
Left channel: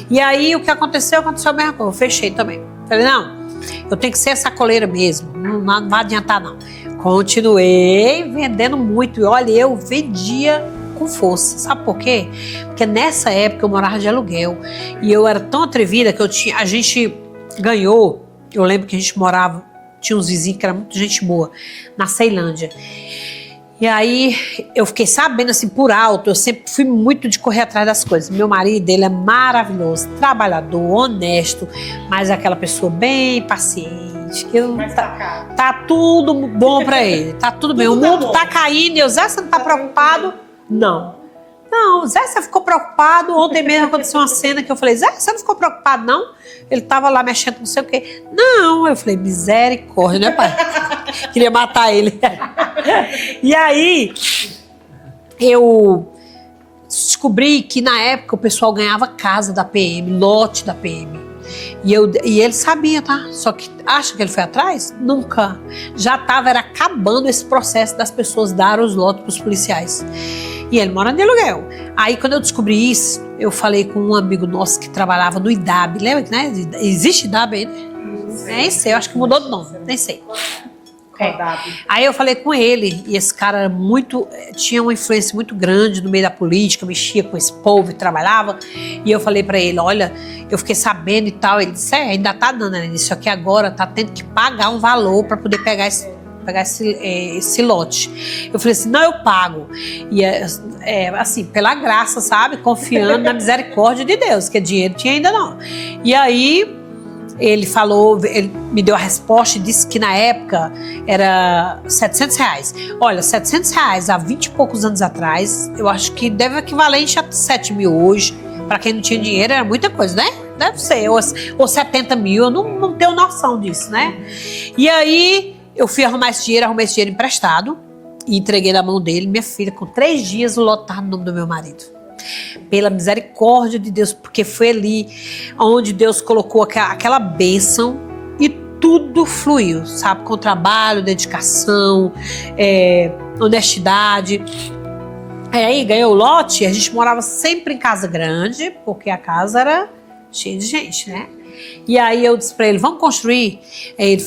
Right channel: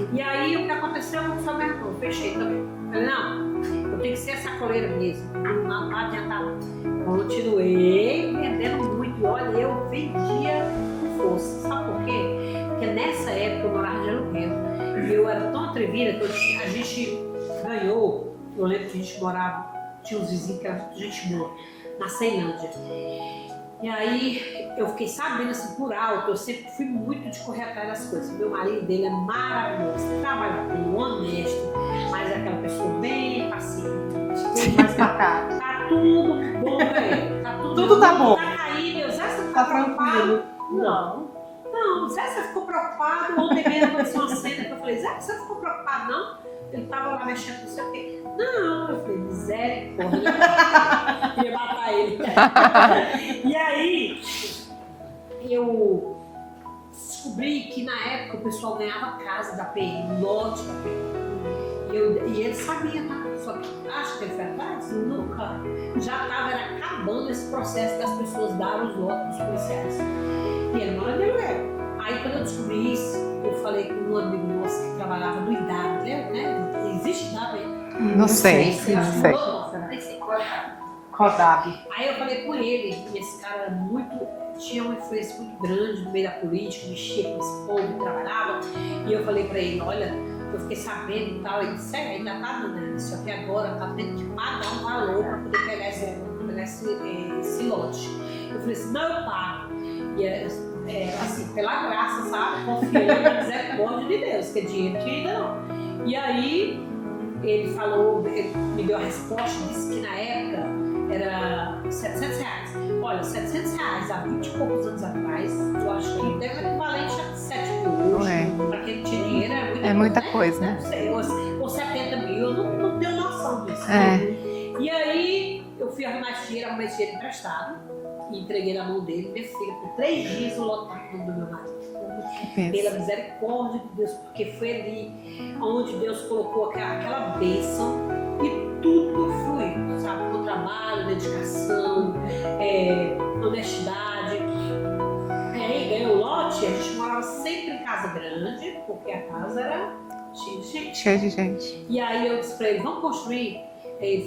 E aí o que aconteceu a mesma coisa. Eu fechei também. Falei, não, eu tenho que ser sacoleira mesmo, não vai adiantar não. Continuei vendendo muito, e olha, eu vendia com força. Sabe por quê? Porque nessa época eu morava de aluguel, e eu era tão atrevida que a gente ganhou, eu lembro que a gente morava, tinha uns vizinhos que era muito gente boa, na Ceilândia. E aí eu fiquei sabendo assim por alto, eu sempre fui muito de correr atrás das coisas. Meu marido, ele é maravilhoso, trabalhador, honesto, mas é aquela pessoa bem paciente. Tá tudo bom pra ele, tá tudo bem. O mundo tá caindo, e Zé, você não tá preocupado? Não, Zé, você ficou preocupado? Ontem mesmo aconteceu uma cena que eu falei, Zé, você não ficou preocupado, não? Ele tava lá mexendo com não sei o quê. Não, eu falei, misericórdia, né, pai? Queria matar ele. E aí, eu descobri que na época o pessoal ganhava casa da PM, lote da PM. E ele sabia, tá? Só que acha que ele foi atrás? Nunca. Já era acabando esse processo das pessoas darem os lotes pros policiais. E ele mora de aluguel. Aí, quando eu descobri isso, eu falei com um amigo nosso que trabalhava no IDAB. Lembra, né? Existe IDAB aí? Não sei. Nem sei, eu acho que mudou de nome. Nem sei. Aí eu falei com ele, e esse cara tinha uma influência muito grande no meio da política, mexia com esse povo e trabalhava. E eu falei pra ele, olha, eu fiquei sabendo e tal. Ele disse, ainda tá dando, né? Isso aqui agora tá tendo que pagar um valor pra poder pegar esse lote. Eu falei assim, não, eu pago. E assim, pela graça, sabe? Confiando na misericórdia de Deus, que dinheiro tinha ainda não. E aí ele me deu a resposta e disse que na época era R$700. Olha, R$700 há 20 e poucos anos atrás, eu acho que deve equivalente a 7 mil hoje. Para quem não tinha dinheiro, era muita coisa, né? Deve ser, ou 70 mil, eu não tenho noção disso, né? E aí eu fui arrumei esse dinheiro emprestado e entreguei na mão dele. Minha filha, com 3 dias, o lote estava no nome do meu marido. Pela misericórdia de Deus, porque foi ali onde Deus colocou aquela bênção e tudo fluiu, sabe? Com trabalho, dedicação, honestidade. Aí ganhou o lote, a gente morava sempre em casa grande, porque a casa era cheia de gente, né? E aí eu disse pra ele, vamos construir? Aí ele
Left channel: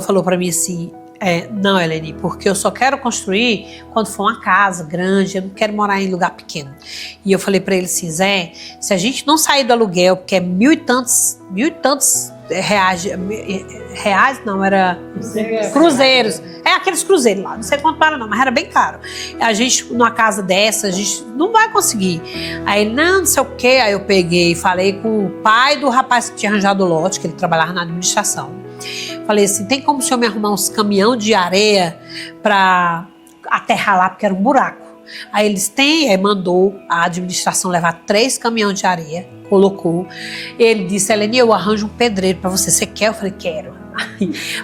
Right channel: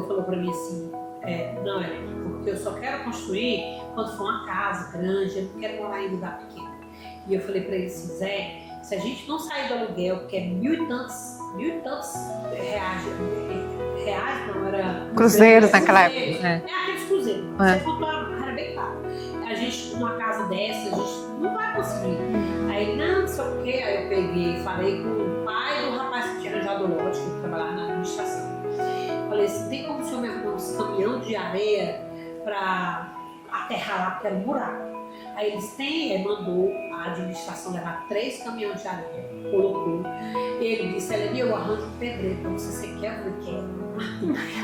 falou pra mim assim, não, Helene, porque eu só quero construir quando for uma casa grande, eu não quero morar em lugar pequeno. E eu falei pra ele assim, Zé, se a gente não sair do aluguel, porque é mil e tantos reais não, era Cruzeiros. cruzeiros. naquela- É aqueles cruzeiros lá, não sei quanto para não, mas era bem caro. A gente, numa casa dessa, a gente não vai conseguir. Aí ele, não sei o quê. Aí eu peguei e falei com o pai do rapaz que tinha arranjado o lote, que ele trabalhava na administração. Falei assim, tem como o senhor me arrumar uns caminhão de areia para aterrar lá, porque era um buraco. Aí eles têm, aí mandou a administração levar 3 caminhões de areia, colocou. Ele disse, Helene, eu arranjo um pedreiro para você. Você quer? Eu falei, quero.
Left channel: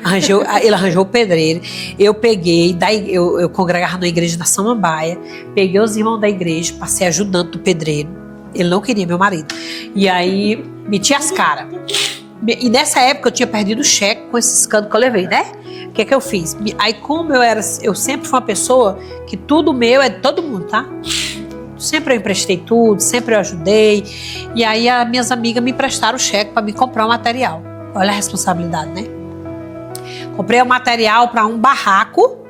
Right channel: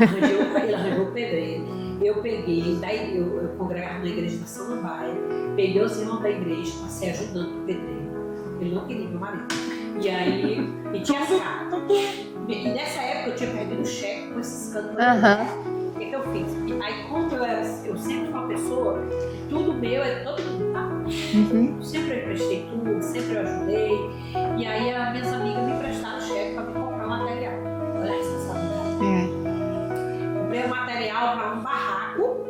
Aí, ele arranjou o pedreiro. Eu peguei, daí eu congregava na igreja da Samambaia, peguei os irmãos da igreja, passei ajudando do pedreiro. Ele não queria, meu marido. E aí, meti as caras. E nessa época eu tinha perdido o cheque com esse escândalo que eu levei, né? O que é que eu fiz? Aí como eu sempre fui uma pessoa que tudo meu é de todo mundo, tá? Sempre eu emprestei tudo, sempre eu ajudei. E aí as minhas amigas me emprestaram o cheque para me comprar o material. Olha a responsabilidade, né? Comprei o material para um barraco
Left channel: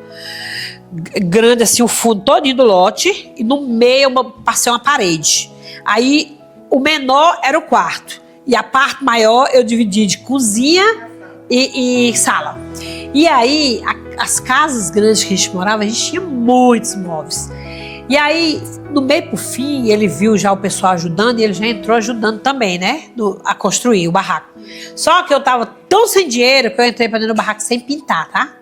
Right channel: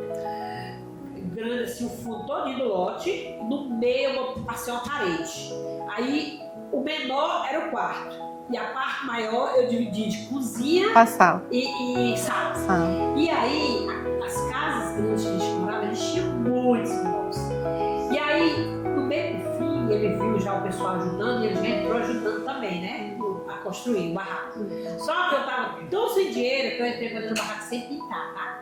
grande assim, o fundo todinho do lote, e no meio eu passei uma parede. Aí o menor era o quarto. E a parte maior eu dividi de cozinha e sala. E aí, as casas grandes que a gente morava, a gente tinha muitos móveis. E aí, no meio pro fim, ele viu já o pessoal ajudando e ele já entrou ajudando também, né? A construir o barraco. Só que eu tava tão sem dinheiro que eu entrei pra dentro do barraco sem pintar, tá?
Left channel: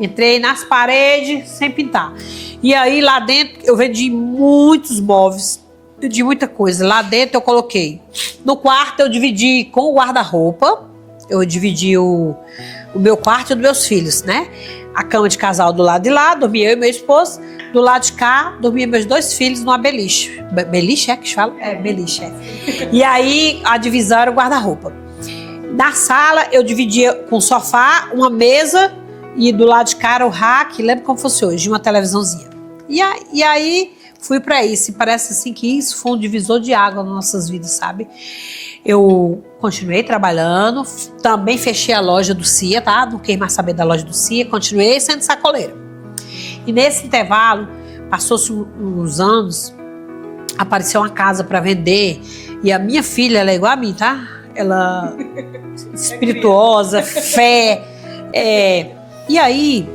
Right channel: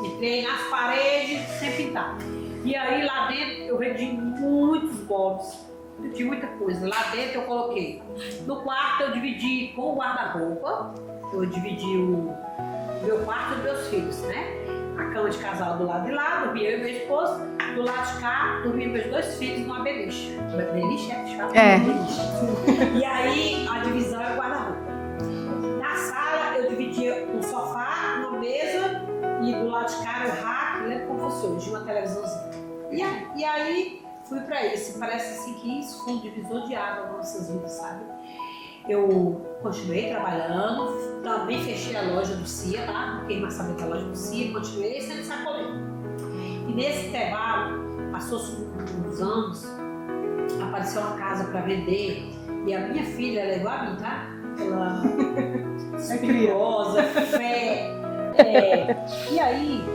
Entrei nas paredes sem pintar. E aí, lá dentro, eu vendi muitos móveis. De muita coisa. Lá dentro eu coloquei. No quarto eu dividi com o guarda-roupa. Eu dividi o meu quarto e o dos meus filhos, né? A cama de casal do lado de lá, dormia eu e meu esposo. Do lado de cá, dormia meus 2 filhos numa beliche. Beliche é que se fala? É. Beliche, é. E aí a divisão era o guarda-roupa. Na sala eu dividia com sofá, uma mesa e do lado de cá era o rack, lembra como fosse hoje, uma televisãozinha. E aí fui pra isso, e parece assim que isso foi um divisor de água nas nossas vidas, sabe? Eu continuei trabalhando, também fechei a loja do CIA, tá? Não quis mais saber da loja do CIA, continuei sendo sacoleira. E nesse intervalo, passou-se uns anos, apareceu uma casa para vender, e a minha filha, ela é igual a mim, tá? Ela espirituosa, fé. E aí,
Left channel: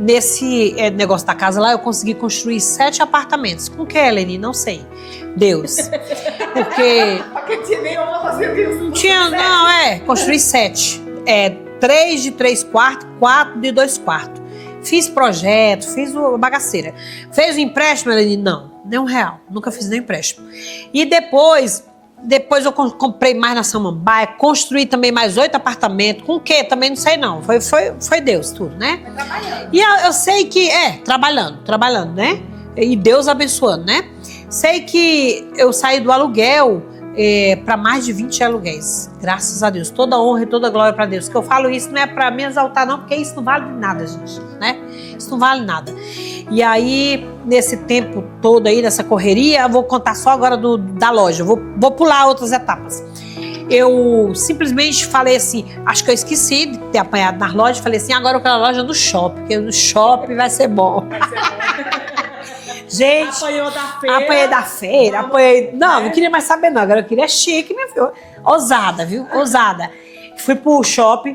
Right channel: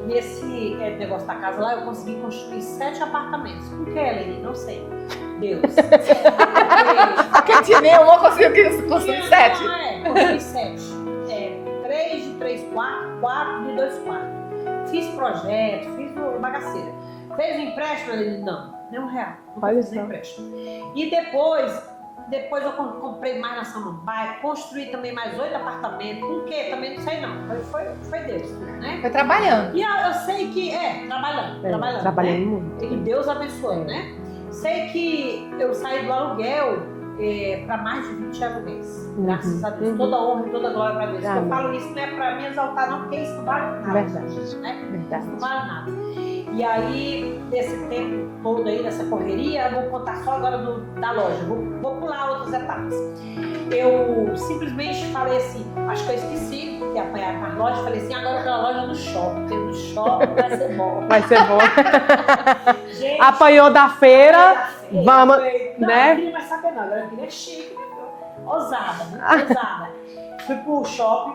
nesse negócio da casa lá, eu consegui construir 7 apartamentos. Com o que, Helene? Não sei. Deus. Porque... Quem tinha nenhuma conseguiu construí 7. 3 de 3 quartos, 4 de 2 quartos. Fiz projeto, fiz o bagaceira. Fez o empréstimo, Helene? Não, nem R$1. Nunca fiz nem empréstimo. E depois eu comprei mais na Samambaia, construí também mais 8 apartamentos. Com o quê? Também não sei não. Foi Deus tudo, né? Foi trabalhando. E eu sei que... trabalhando, né? E Deus abençoando, né? Sei que eu saí do aluguel para mais de 20 aluguéis. Graças a Deus. Toda honra e toda glória para Deus. Que eu falo isso não é para me exaltar não, porque isso não vale nada, gente, né? Isso não vale nada. E aí, nesse tempo todo aí, nessa correria, eu vou contar só agora da loja. Vou pular outras etapas. Eu simplesmente falei assim, acho que eu esqueci de ter apanhado nas lojas, falei assim, agora eu quero a loja do shopping, porque no shopping vai ser bom. Vai ser bom. Gente, apanhou da feira. Apanhei da feira. Vamos, não queria mais saber não, agora eu queria chique, minha filha. Ousada, viu? Ousada. Fui pro shopping,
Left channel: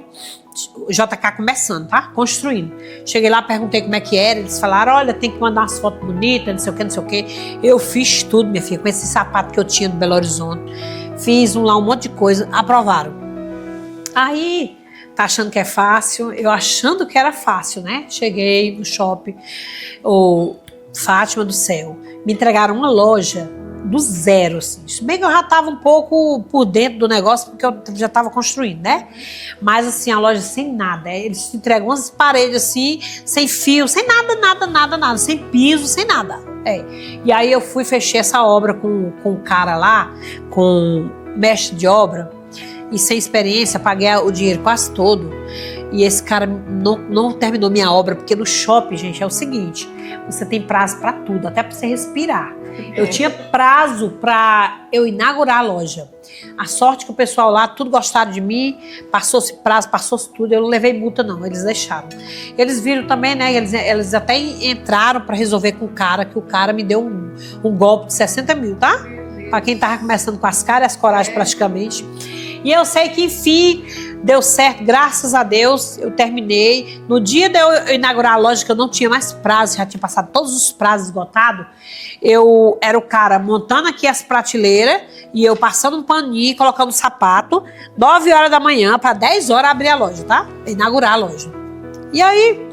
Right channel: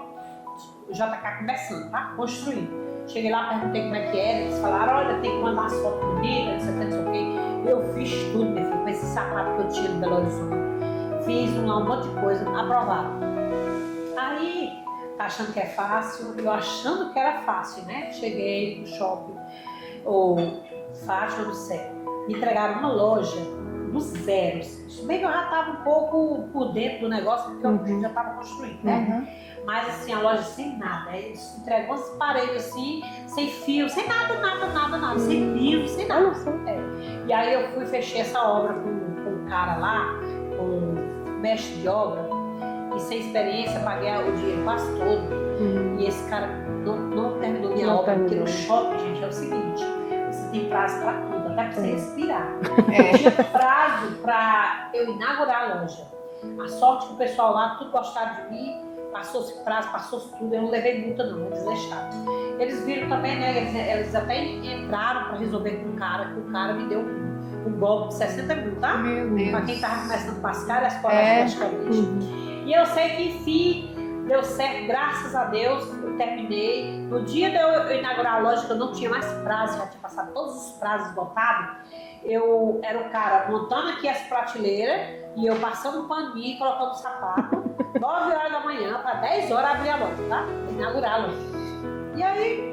o JK começando, tá? Construindo. Cheguei lá, perguntei como é que era, eles falaram, olha, tem que mandar umas fotos bonitas, não sei o que, não sei o que. Eu fiz tudo, minha filha, com esse sapato que eu tinha no Belo Horizonte. Fiz lá um monte de coisa, aprovaram. Aí, tá achando que é fácil? Eu achando que era fácil, né? Cheguei no shopping, Fátima do Céu, me entregaram uma loja do zero. Assim. Bem que eu já estava um pouco por dentro do negócio, porque eu já estava construindo, né? Mas assim, a loja sem nada. Eles entregam umas paredes assim, sem fio, sem nada, sem piso, sem nada. E aí eu fui, fechei essa obra com um cara lá, com mestre de obra, e sem experiência, paguei o dinheiro quase todo. E esse cara não terminou minha obra, porque no shopping, gente, é o seguinte, você tem prazo para tudo, até para você respirar. Eu tinha prazo para eu inaugurar a loja. A sorte que o pessoal lá, tudo gostaram de mim, passou-se prazo, passou-se tudo, eu não levei multa não, eles deixaram. Eles viram também, né, eles até entraram para resolver com o cara, que o cara me deu um golpe de 60 mil, tá? Para quem tava começando com as caras e as coragem praticamente. E eu sei que, enfim, deu certo, graças a Deus, eu terminei. No dia de eu inaugurar a loja, que eu não tinha mais prazo, já tinha passado todos os prazos esgotados, eu era o cara montando aqui as prateleiras e eu passando um paninho, colocando um sapato, 9 horas da manhã, para 10 horas abrir a loja, tá? Inaugurar a loja. E aí,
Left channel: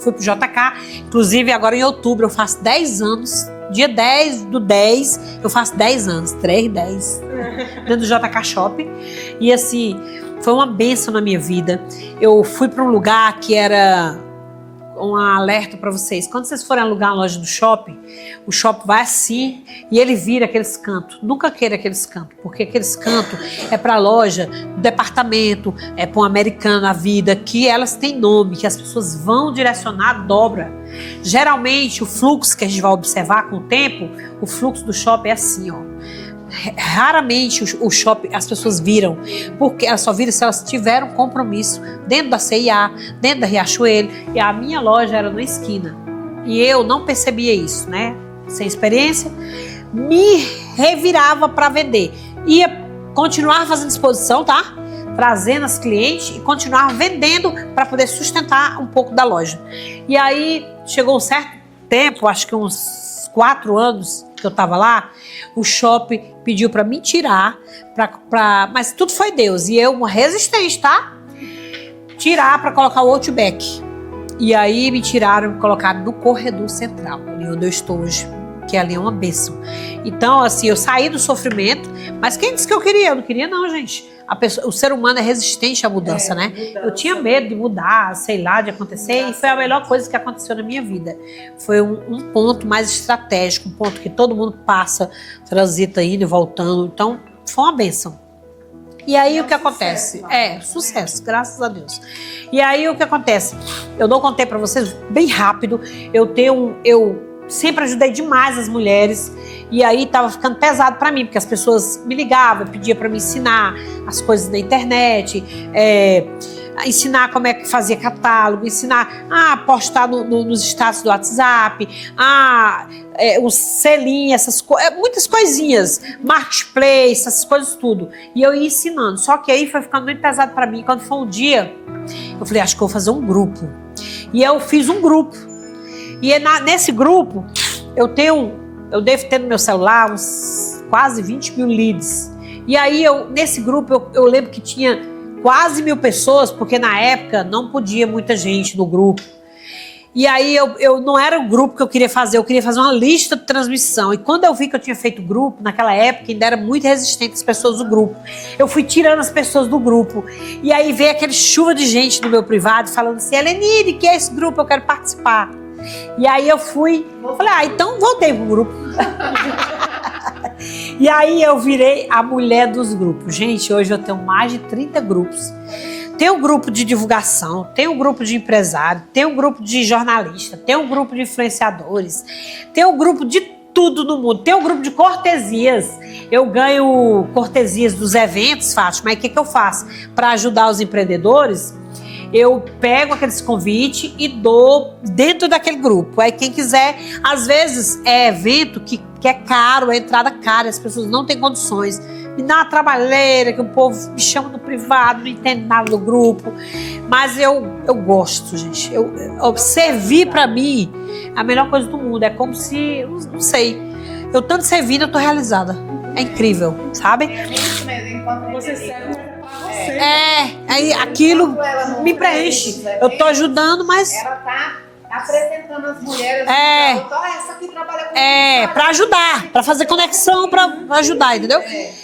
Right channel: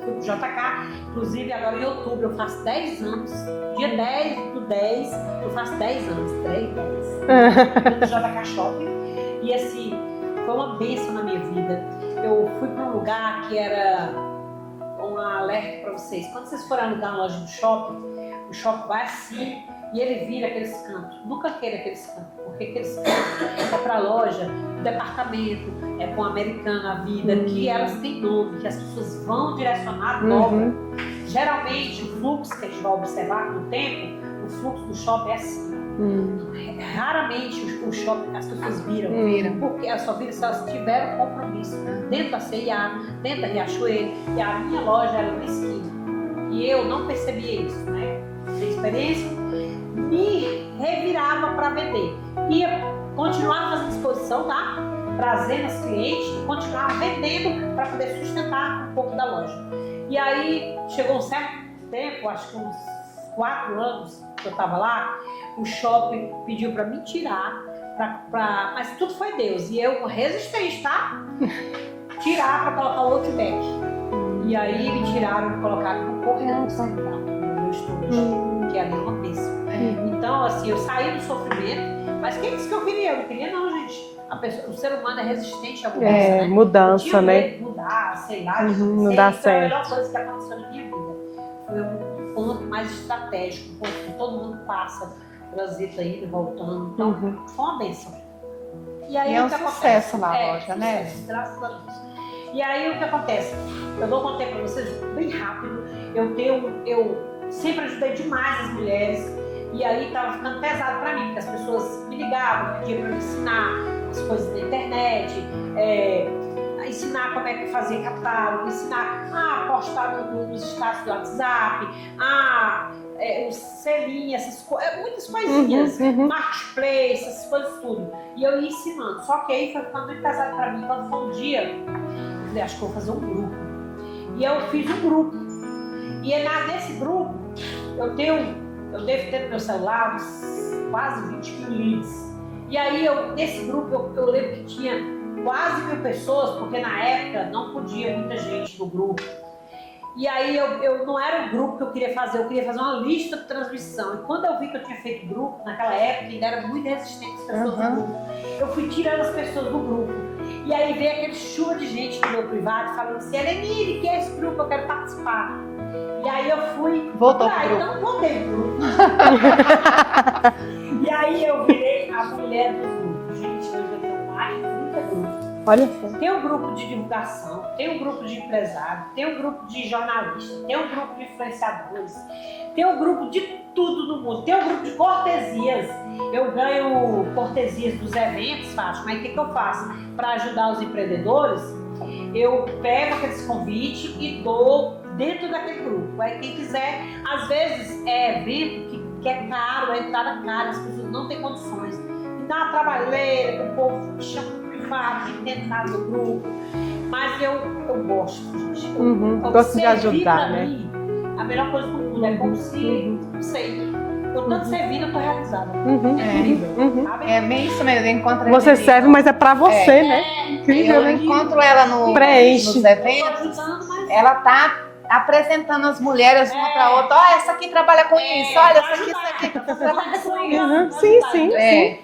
fui pro JK, inclusive agora em outubro eu faço 10 anos, dia 10 do 10, eu faço 10 anos, 3/10, dentro do JK Shopping. E assim, foi uma bênção na minha vida. Eu fui para um lugar que era um alerta para vocês. Quando vocês forem alugar uma loja do shopping, o shopping vai assim e ele vira aqueles cantos. Nunca queira aqueles cantos, porque aqueles cantos é para loja, do departamento, é para um americano a vida, que elas têm nome, que as pessoas vão direcionar, dobra. Geralmente, o fluxo que a gente vai observar com o tempo, o fluxo do shopping é assim, ó. Raramente o shopping as pessoas viram, porque elas só viram se elas tiveram compromisso dentro da CIA, dentro da Riachuelo, e a minha loja era na esquina. E eu não percebia isso, né? Sem experiência, me revirava para vender. Ia continuar fazendo exposição, tá? Trazendo as clientes e continuar vendendo para poder sustentar um pouco da loja. E aí chegou um certo tempo, acho que uns 4 anos que eu estava lá, o shopping pediu para me tirar, mas tudo foi Deus. E eu, uma resistente, tá? Tirar para colocar o Outback. E aí me tiraram e colocaram no corredor central, onde eu estou hoje, que ali é uma bênção. Então, assim, eu saí do sofrimento, mas quem disse que eu queria? Eu não queria não, gente. O ser humano é resistente à mudança, né? Mudança, eu tinha medo de mudar, sei lá, de acontecer. E foi a melhor coisa que aconteceu na minha vida. Foi um ponto mais estratégico, um ponto que todo mundo passa, transita indo e voltando. Então, foi uma bênção. E aí o que acontece? Sucesso, graças a Deus. E aí o que acontece? Eu não contei pra vocês bem rápido. Eu sempre ajudei demais as mulheres. E aí tava ficando pesado pra mim, porque as pessoas me ligavam, pediam pra me ensinar as coisas da internet, ensinar como é que fazia catálogo, ensinar a postar nos status do WhatsApp, o selinho, essas coisas, muitas coisinhas, marketplace, essas coisas tudo. E eu ia ensinando. Só que aí foi ficando muito pesado pra mim. Quando foi um dia, eu falei, acho que eu vou fazer um grupo. E eu fiz um grupo. E nesse grupo, eu devo ter no meu celular uns quase 20 mil leads. E aí, nesse grupo, eu lembro que tinha quase 1000 pessoas, porque na época não podia muita gente no grupo. E aí, eu não era o grupo que eu queria fazer uma lista de transmissão. E quando eu vi que eu tinha feito grupo, naquela época ainda era muito resistente as pessoas do grupo. Eu fui tirando as pessoas do grupo. E aí veio aquele chuva de gente no meu privado falando assim, Helenide, que é esse grupo? Eu quero participar. E aí eu fui, falei, então voltei pro grupo. E aí eu virei a mulher dos grupos. Gente, hoje eu tenho mais de 30 grupos. Olha. Tem um grupo de divulgação, tem um grupo de empresário, tem um grupo de jornalista, tem um grupo de influenciadores, tem um grupo de tudo no mundo. Tem um grupo de cortesias. Eu ganho cortesias dos eventos, Fátima. Mas o que eu faço? Para ajudar os empreendedores, eu pego aqueles convites e dou dentro daquele grupo. Aí quem quiser, às vezes é evento que é caro, é entrada cara, as pessoas não têm condições. Me dá uma trabalheira, que o povo me chama no privado, não entende nada do grupo. Mas eu gosto, gente. Servir para mim é a melhor coisa do mundo. É como se, não sei, eu tanto servindo, eu tô realizada. É incrível, sabe? É bem isso mesmo. Você serve, mas é pra você, né? Aí aquilo ela no me preenche. Eu tô ajudando, mas... Ela tá apresentando as mulheres uma pra outra. Ó, essa aqui trabalha com isso. Pra ajudar, pra fazer conexão, pra ajudar, entendeu?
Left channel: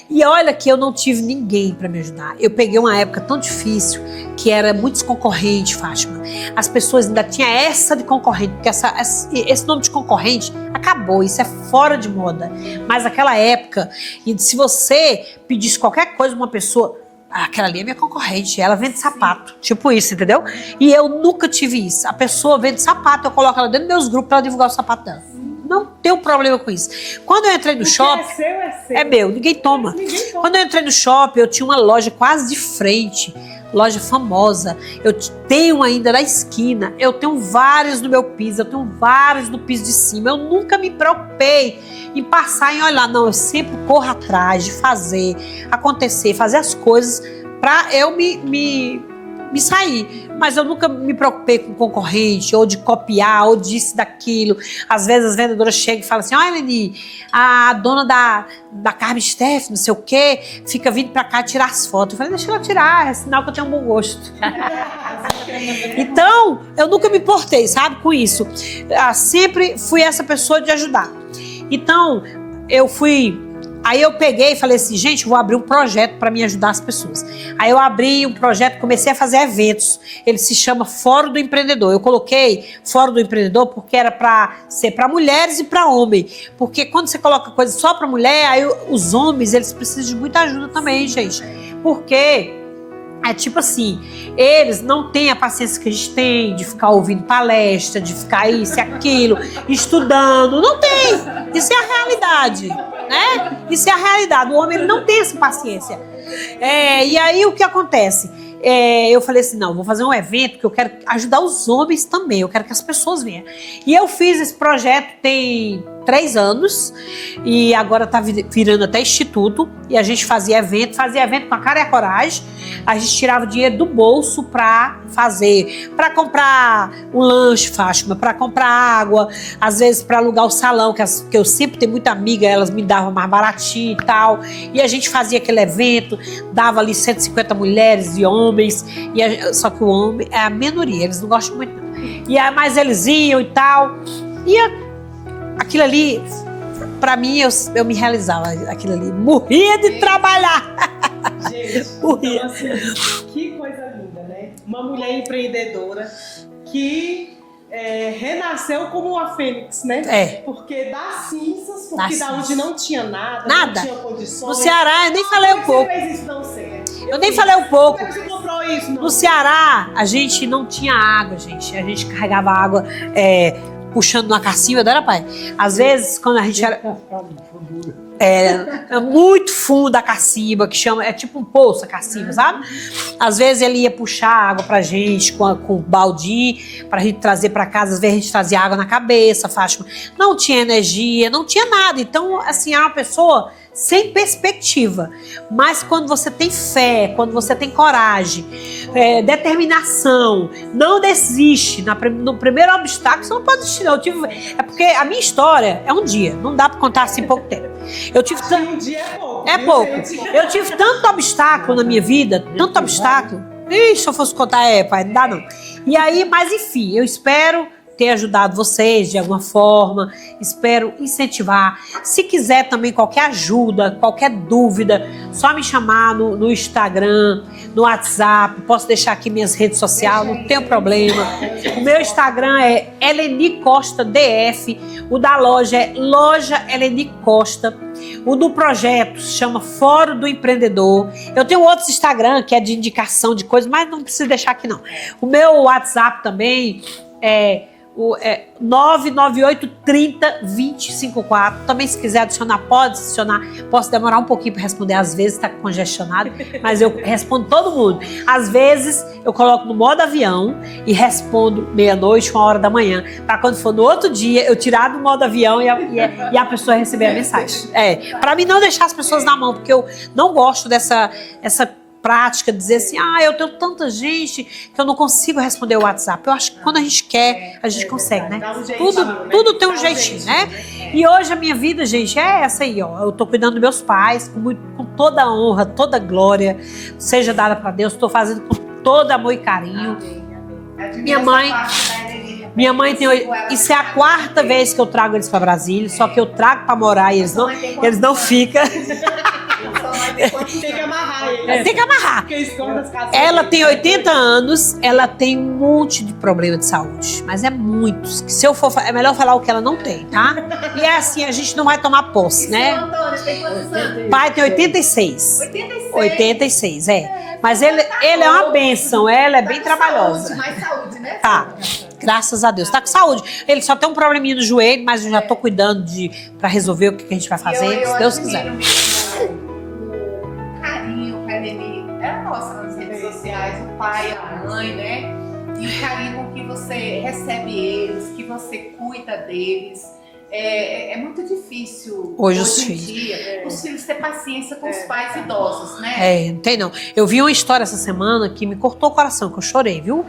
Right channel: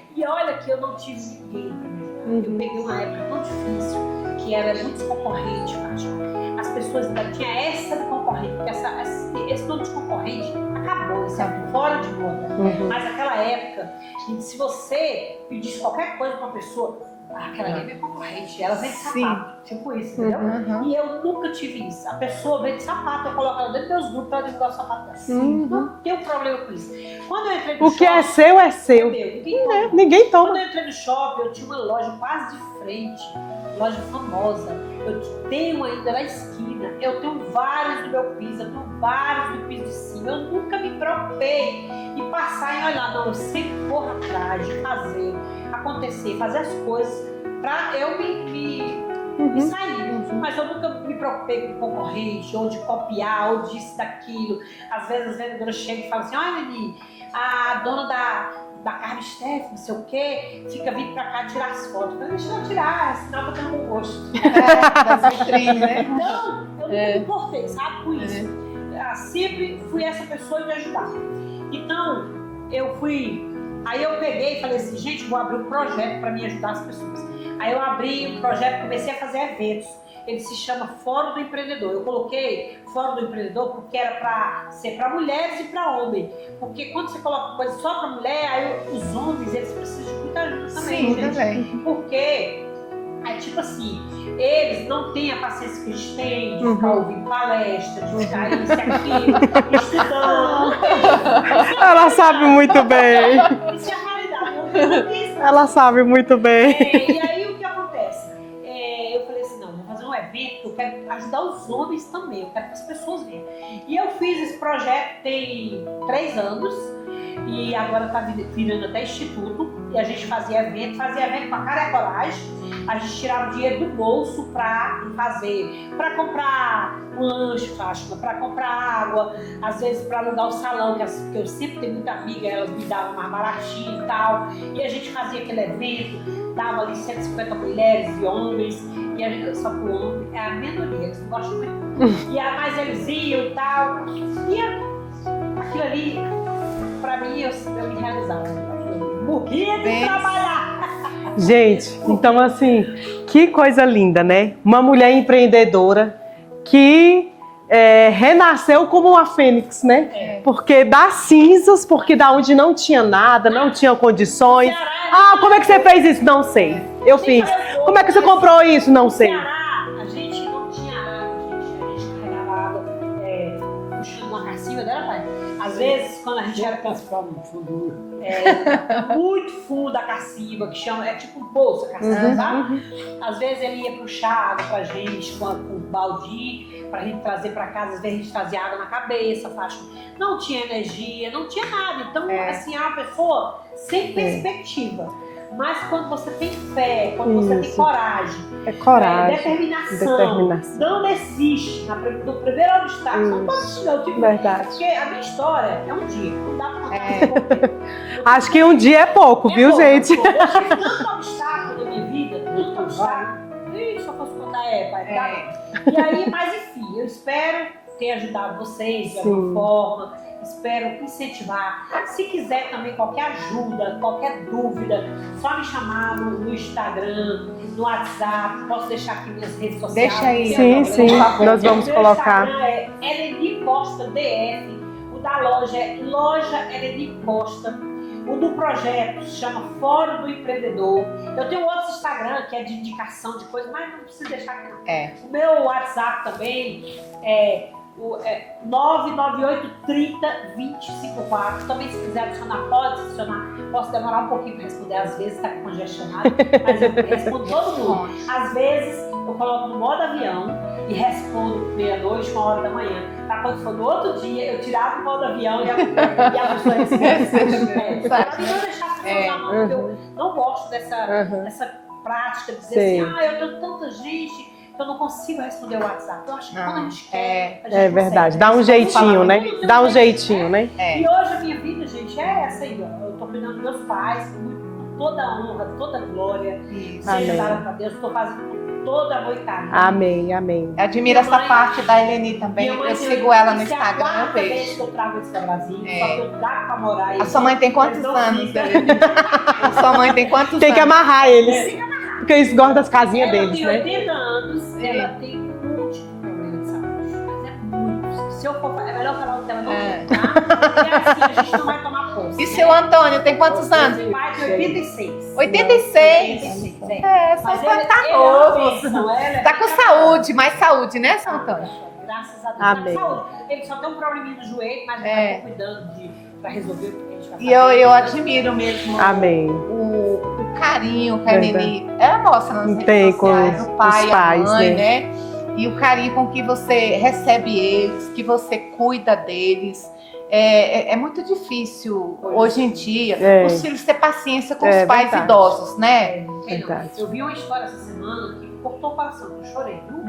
E olha que eu não tive ninguém pra me ajudar. Eu peguei uma época tão difícil que era muitos concorrentes, Fátima. As pessoas ainda tinham essa de concorrente, porque esse nome de concorrente acabou, isso é fora de moda. Mas naquela época, e se você pedisse qualquer coisa pra uma pessoa, aquela ali é minha concorrente, ela vende sapato. Tipo isso, entendeu? E eu nunca tive isso. A pessoa vende sapato, eu coloco ela dentro dos meus grupos pra ela divulgar o sapato dela. Não tenho problema com isso. Quando eu entrei no shopping... O que é seu. É meu, ninguém toma. Ninguém toma. Quando eu entrei no shopping, eu tinha uma loja quase de frente loja famosa. Eu tenho ainda na esquina, eu tenho vários no meu piso, eu tenho vários no piso de cima. Eu nunca me preocupei em passar e olhar. Não, eu sempre corro atrás de fazer acontecer, fazer as coisas para eu me sair. Mas eu nunca me preocupei com concorrente, ou de copiar, ou disso, daquilo. Às vezes as vendedoras chegam e falam assim: olha, Eleni, a dona da Carmen Steff, não sei o quê, fica vindo pra cá tirar as fotos. Eu falei: deixa ela tirar, é sinal que eu tenho um bom gosto. Então, eu nunca me importei, sabe, com isso. Sempre fui essa pessoa de ajudar. Então, aí eu peguei e falei assim: gente, vou abrir um projeto para me ajudar as pessoas. Aí eu abri um projeto, comecei a fazer eventos. Ele se chama Fórum do Empreendedor. Eu coloquei Fórum do Empreendedor porque era para ser para mulheres e para homem. Porque quando você coloca coisa só para mulher, aí os homens, eles precisam de muita ajuda também, gente. Também. Porque é tipo assim, eles não têm a paciência que a gente tem de ficar ouvindo palestra, de ficar isso e aquilo, estudando. Não tem. Isso é a realidade. Ela sabe muito bem. Isso é a realidade. O homem, ele não tem essa paciência. Ela sabe muito bem. E aí o que acontece? Eu falei assim: não, vou fazer um evento que eu quero ajudar os homens também, eu quero que as pessoas venham. E eu fiz esse projeto tem 3 anos e agora tá virando até instituto, e a gente fazia evento com a cara e a coragem. A gente tirava o dinheiro do bolso para fazer, para comprar um lanche, Fátima, para comprar água, às vezes para alugar o salão, que eu sempre tenho muita amiga, elas me davam mais baratinho e tal. E a gente fazia aquele evento, dava ali 150 mulheres e homens, só que o homem é a minoria, eles não gostam muito. Mas eles iam e tal. E aquilo ali, pra mim, eu me realizava aquilo ali. Morria de trabalhar. Gente, então assim, que coisa linda, né? Uma mulher empreendedora que renasceu como uma fênix, né? Porque das cinzas, porque da onde não tinha nada, não tinha condições. No Ceará, eu nem falei como é que você fez isso? Não sei. Eu nem falei um pouco. Como é que você comprou isso? Não sei. No Ceará, a gente não tinha água, gente. A gente carregava água puxando uma cacimba, não era, pai? Às vezes, quando a gente era... muito fundo a cacimba, que chama, é tipo um poço a cacimba, sabe? Às vezes ele ia puxar água pra gente com balde, pra gente trazer pra casa. Às vezes a gente trazia água na cabeça, Fátima. Não tinha energia, não tinha nada. Então, assim, é uma pessoa sem perspectiva. Mas quando você tem fé, quando você tem coragem, determinação, não desiste. No primeiro obstáculo, você não pode desistir, não. É porque a minha história é um dia, não dá pra contar assim pouco tempo. Acho que um dia é pouco, viu, pouco. Gente? Eu tive tanto obstáculo na minha vida, tanto obstáculo. Se eu fosse contar, pai, não dá não. E aí, mas enfim, eu espero ter ajudado vocês de alguma forma, espero incentivar. Se quiser também qualquer ajuda, qualquer dúvida, só me chamar no Instagram, no WhatsApp, posso deixar aqui minhas redes sociais, não tem problema. Nós vamos o meu colocar. Instagram é Eleni Costa DF, o da loja é Loja Eleni Costa, o do projeto se chama Fórum do Empreendedor. Eu tenho outros Instagram que é de indicação de coisas, mas não precisa deixar aqui não. O meu WhatsApp também é 998302054. Também, se quiser adicionar, pode adicionar. Posso demorar um pouquinho para responder, às vezes está congestionado, mas eu respondo todo mundo. Às vezes eu coloco no modo avião e respondo meia-noite, 1h da manhã, para quando for no outro dia eu tirar do modo avião e a pessoa receber a mensagem. Para mim não deixar as pessoas na mão, porque eu não gosto dessa prática, dizer assim: eu tenho tanta gente que eu não consigo responder o WhatsApp. Eu acho que quando a gente quer, a gente consegue. Verdade. Né? Dá um jeitinho, né? Tudo tem Dá um jeitinho, né? E hoje a minha vida, gente, é essa aí, ó. Eu tô cuidando dos meus pais com toda a honra, toda a glória, seja dada para Deus. Estou fazendo com todo amor e carinho. Amém, amém. Admiro essa parte da Eleni também. Minha mãe tem... Isso é a 4ª vez que eu trago eles para Brasília, só que eu trago para morar e eles não ficam. Sua mãe tem quantos Tem que amarrar eles. Tem que amarrar. Porque eles gostam das casinhas Ela deles, tem né? 80 anos, ela tem um monte de problema de saúde, mas é muitos. Se eu for, é melhor falar o que ela não tem, tá? E é assim, a gente não vai tomar posse, E né? seu Antônio tem quantos anos? O pai tem 86. 86? 86, mas ele é uma bênção, ela é tá bem com trabalhosa. saúde, mais saúde, né, Tá. Antônio? Graças a Deus, tá com saúde. Ele só tem um probleminha no joelho, mas eu já tô cuidando pra resolver o que a gente vai fazer. E eu se Deus admiro quiser. mesmo Amém. o carinho carinho que a Lili mostra nas redes Tem sociais, com o pai os e a pais, mãe, né? E o carinho com que você recebe eles, que você cuida deles. É muito difícil hoje em dia os filhos ter paciência com os pais verdade. idosos, né? Não tem não. Verdade. Eu vi uma história essa semana que me cortou o coração, que eu chorei, viu?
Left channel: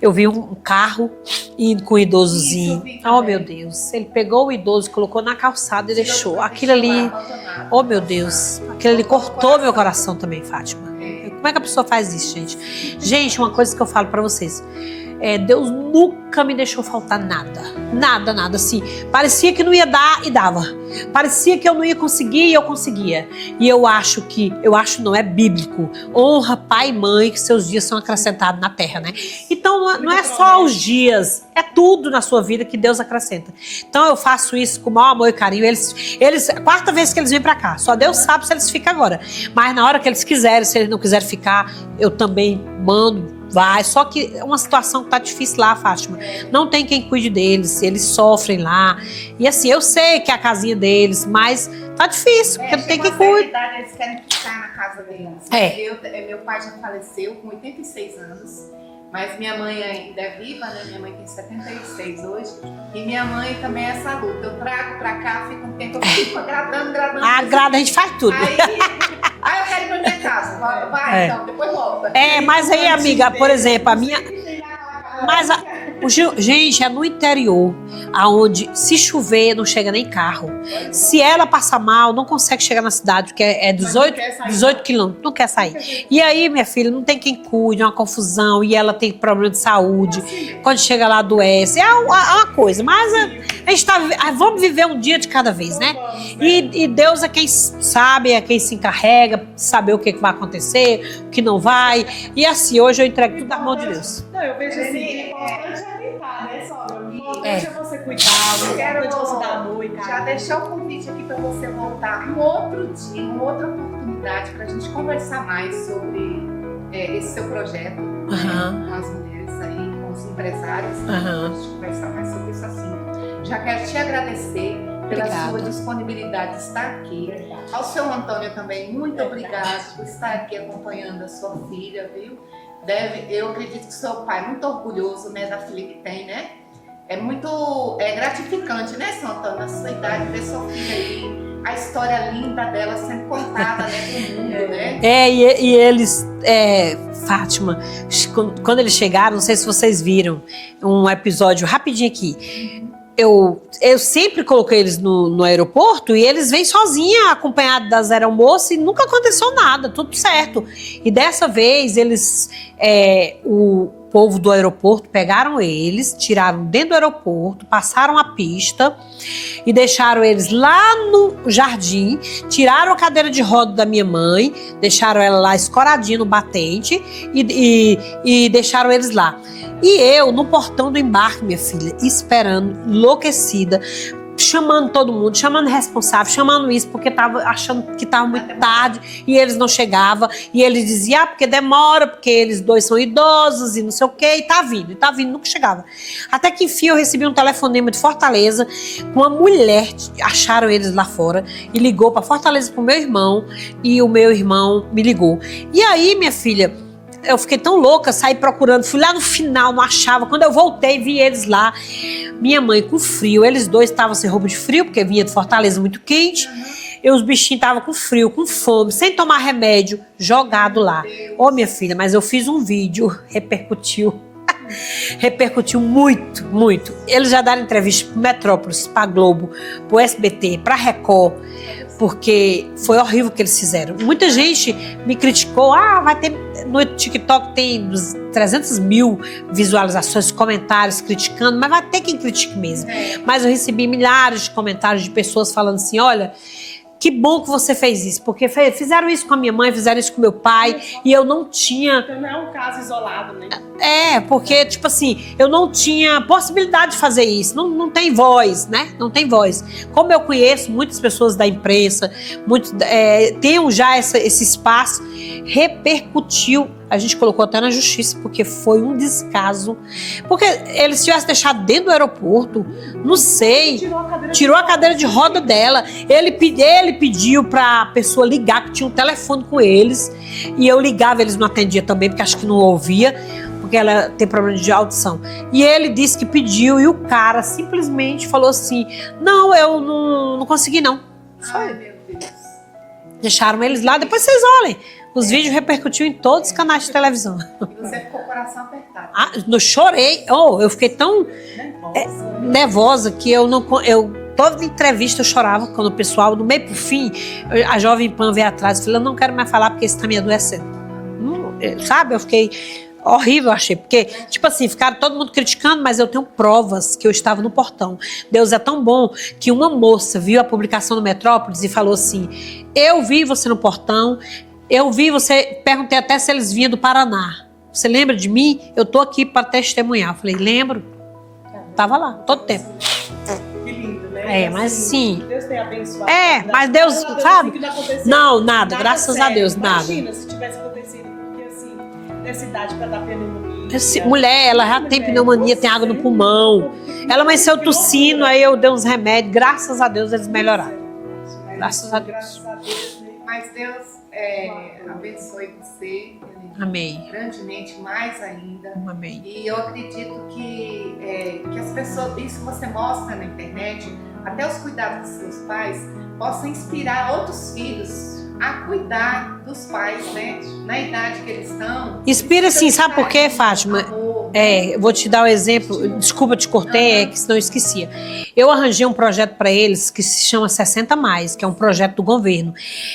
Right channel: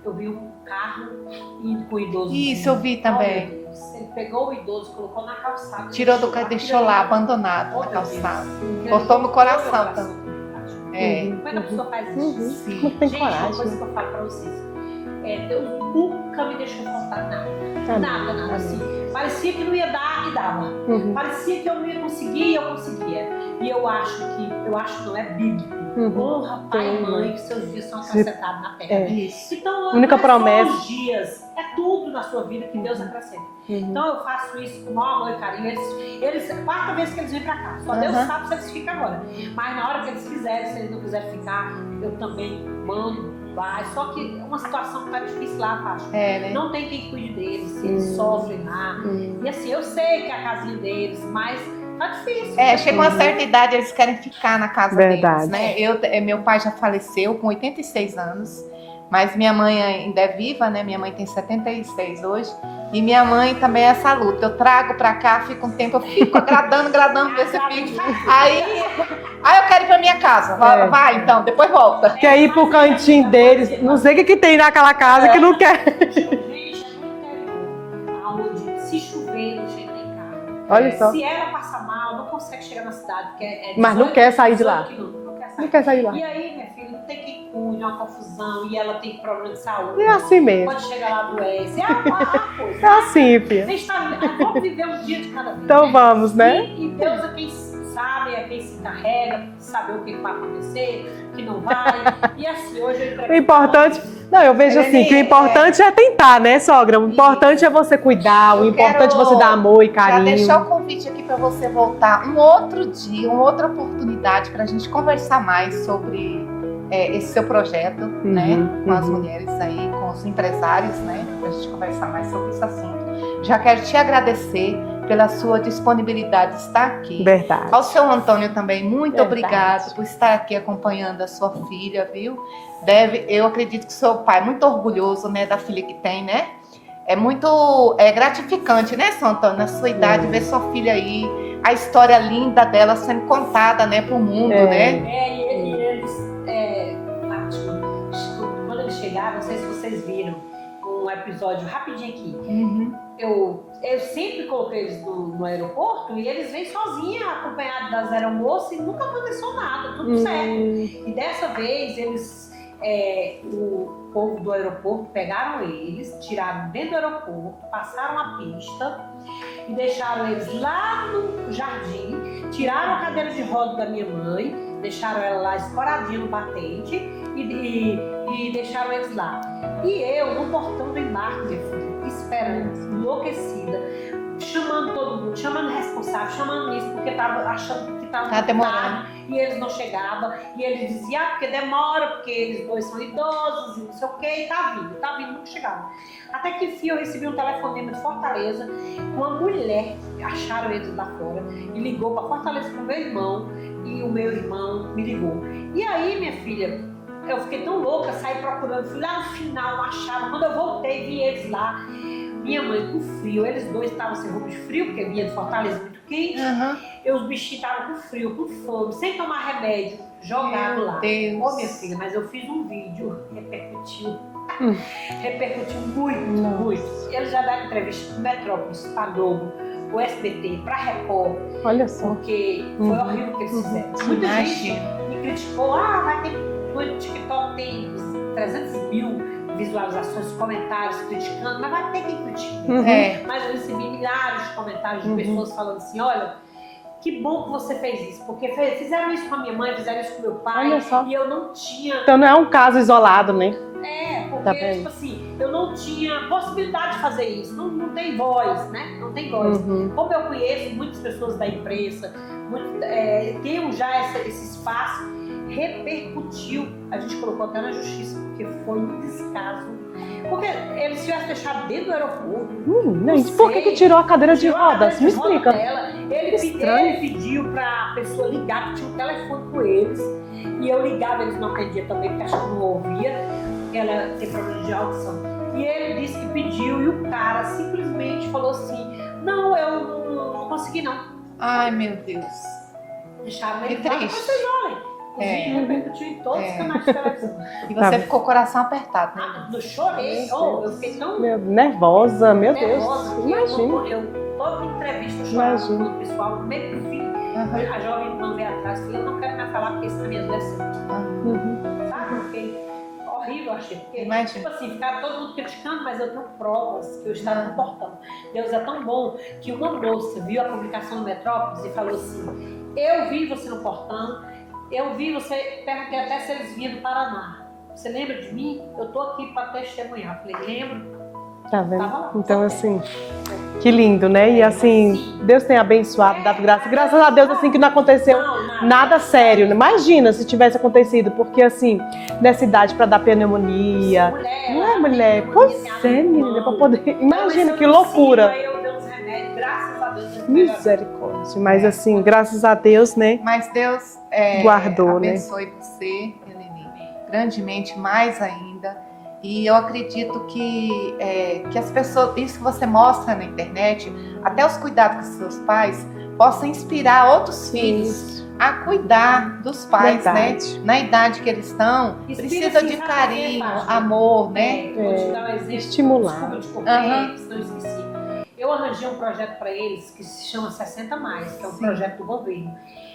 Eu vi um carro indo com o idosozinho. Isso, eu vi também. Oh, meu Deus. Ele pegou o idoso, colocou na calçada e Tirou deixou. do Aquilo ali, lá, abandonado. oh meu na Deus. calçada. Aquilo ali Cortou no cortou meu coração. coração também, Fátima. Como é que a pessoa faz isso, gente? Não tem Gente, uma coragem. coisa que eu falo pra vocês. Deus nunca me deixou faltar nada. Nada, nada. Assim, parecia que não ia dar e dava. Parecia que eu não ia conseguir e eu conseguia. E eu acho não é bíblico. Honra pai e mãe que seus dias são acrescentados na terra, né? Então não Única é só promessa. os dias, é tudo na sua vida que Deus acrescenta. Então eu faço isso com o maior amor e carinho. Eles a quarta vez que eles vêm pra cá, só Deus sabe se eles ficam agora. Mas na hora que eles quiserem, se eles não quiserem ficar, eu também mando. Vai, só que é uma situação que tá difícil lá, Fátima. Né? Não tem quem cuide deles, eles sofrem lá. E assim, eu sei que é a casinha deles, mas tá difícil, porque não tem chega quem uma certa cuide. idade, eles querem ficar na casa Verdade. deles. Meu pai já faleceu com 86 anos, mas minha mãe ainda é viva, né? Minha mãe tem 76 hoje. E minha mãe também é essa luta. Eu trago pra cá, fico um tempo, eu fico agradando. Agrada, a gente faz tudo. Aí eu quero ir pra minha casa. Vai, então, depois volta. Quer ir Mas pro aí, cantinho amiga, por deles, exemplo, não sei o que tem naquela casa que Mas não quer. Gente, é no interior, aonde se chover não chega nem carro. Olha só. Se ela passar mal, não consegue chegar na cidade, porque é Mas não 18, quer sair de 18 lá. quilômetros. Não quer sair. Não quer sair lá. E aí, minha filha, não tem quem cuide, é uma confusão, e ela tem problema de saúde. É assim mesmo. Quando chega lá, adoece. É uma coisa. É Mas assim, filha. a gente vamos viver um dia de cada vez, Então né? vamos, né? E Deus é quem sabe, é quem se encarrega, saber o que vai acontecer, o que não vai. E assim, hoje eu entrego O tudo na mão de importante, Deus. não, eu vejo assim, que o importante é tentar, né, sogra? O importante é você cuidar, o importante é você dar amor e Já carinho. deixar o convite aqui para você voltar um outro dia, uma outra oportunidade para a gente conversar mais sobre esse seu projeto, né, com as mulheres aí, com os empresários, né, para a gente conversar mais sobre esse assunto. Já quero te agradecer pela sua disponibilidade de estar aqui. Verdade. Ao seu Antônio também, muito Verdade. obrigado por estar aqui acompanhando a sua filha, viu? Eu acredito que seu pai é muito orgulhoso, né, da filha que tem, né? É muito gratificante, né, seu Antônio, na sua idade, ver sua filha aí, a história linda dela sendo contada, né, pro mundo, né? E eles, Fátima, quando eles chegaram, não sei se vocês viram um episódio rapidinho aqui. Eu sempre coloquei eles no aeroporto e eles vêm sozinhos, acompanhados das aeromoças, e nunca aconteceu nada, tudo certo. E dessa vez, o povo do aeroporto pegaram eles, tiraram dentro do aeroporto, passaram a pista e deixaram eles lá no jardim, tiraram a cadeira de roda da minha mãe, deixaram ela lá escoradinha no batente e deixaram eles lá. E eu, no portão do embarque, minha filha, esperando, enlouquecida, chamando todo mundo, chamando responsável, chamando isso, porque tava achando que tava muito tarde e eles não chegavam. E eles diziam, porque demora, porque eles dois são idosos e não sei o quê, e tá vindo, nunca chegava. Até que enfim eu recebi um telefonema de Fortaleza, uma mulher, acharam eles lá fora, e ligou pra Fortaleza pro meu irmão, e o meu irmão me ligou. E aí, minha filha, eu fiquei tão louca, saí procurando, fui lá no final, não achava. Quando eu voltei, vi eles lá. Minha mãe com frio, eles dois estavam sem roupa de frio, porque vinha de Fortaleza muito quente. E os bichinhos estavam com frio, com fome, sem tomar remédio, jogado lá. Ô, minha filha, mas eu fiz um vídeo, repercutiu. Repercutiu muito, muito. Eles já deram entrevista pro Metrópolis, pra Globo, pro SBT, pra Record. Olha só. Porque foi horrível o que eles fizeram. Muita gente me criticou. Vai ter... No TikTok tem 300 mil visualizações, comentários criticando, mas vai ter quem critique mesmo. Mas eu recebi milhares de comentários de pessoas falando assim, olha, que bom que você fez isso, porque fizeram isso com a minha mãe, fizeram isso com meu pai, e eu não tinha... Então não é um caso isolado, né? Porque, tipo assim, eu não tinha possibilidade de fazer isso, não tem voz, né? Não tem voz. Como eu conheço muitas pessoas da imprensa, tenham já esse espaço, repercutiu. A gente colocou até na justiça, porque foi um descaso. Porque ele se tivesse deixado dentro do aeroporto, não sei. Tirou a cadeira de roda dela. Ele pediu pra pessoa ligar, que tinha um telefone com eles. E eu ligava, eles não atendiam também, porque acho que não ouvia, porque ela tem problema de audição. E ele disse que pediu, e o cara simplesmente falou assim: não, eu não consegui, não. Ai, meu Deus. Deixaram eles lá, depois vocês olhem. Os vídeos repercutiu em todos os canais de televisão. E você ficou com o coração apertado. Eu chorei. Eu fiquei tão nervosa que toda entrevista eu chorava quando o pessoal, do meio pro fim, a Jovem Pan veio atrás e falou: eu não quero mais falar porque isso tá me adoecendo. Sabe? Eu fiquei horrível, achei. Porque, tipo assim, ficaram todo mundo criticando, mas eu tenho provas que eu estava no portão. Deus é tão bom que uma moça viu a publicação do Metrópolis e falou assim: eu vi você no portão, eu vi você, perguntei até se eles vinham do Paraná. Você lembra de mim? Eu tô aqui para testemunhar. Eu falei: lembro. Tá vendo? Tava lá, então, todo assim, tempo. Que lindo, né? E assim, sim. Deus tem abençoado. Mas graças a Deus, sabe? assim, que não aconteceu Nada graças sério. a Deus, Imagina se tivesse acontecido, porque assim, nessa idade para dar pneumonia. Mulher, ela já tem pneumonia, tem água no pulmão. Ela amanheceu tossindo, aí eu dei uns remédios, graças a Deus eles melhoraram. Misericórdia. Mas graças a Deus, né? Mas Deus guardou, abençoe você. Amém. Grandemente, mais ainda. Amém. E eu acredito que as pessoas, isso que você mostra na internet, até os cuidados dos seus pais, possam inspirar outros filhos a cuidar dos pais, né? Na idade que eles estão. Inspira assim, sabe por quê, carinho, Fátima? Amor, né? Eu vou te dar um exemplo. Estimular. Desculpa, te cortei, que senão eu esquecia. Eu arranjei um projeto para eles que se chama 60 Mais, que é um projeto do governo.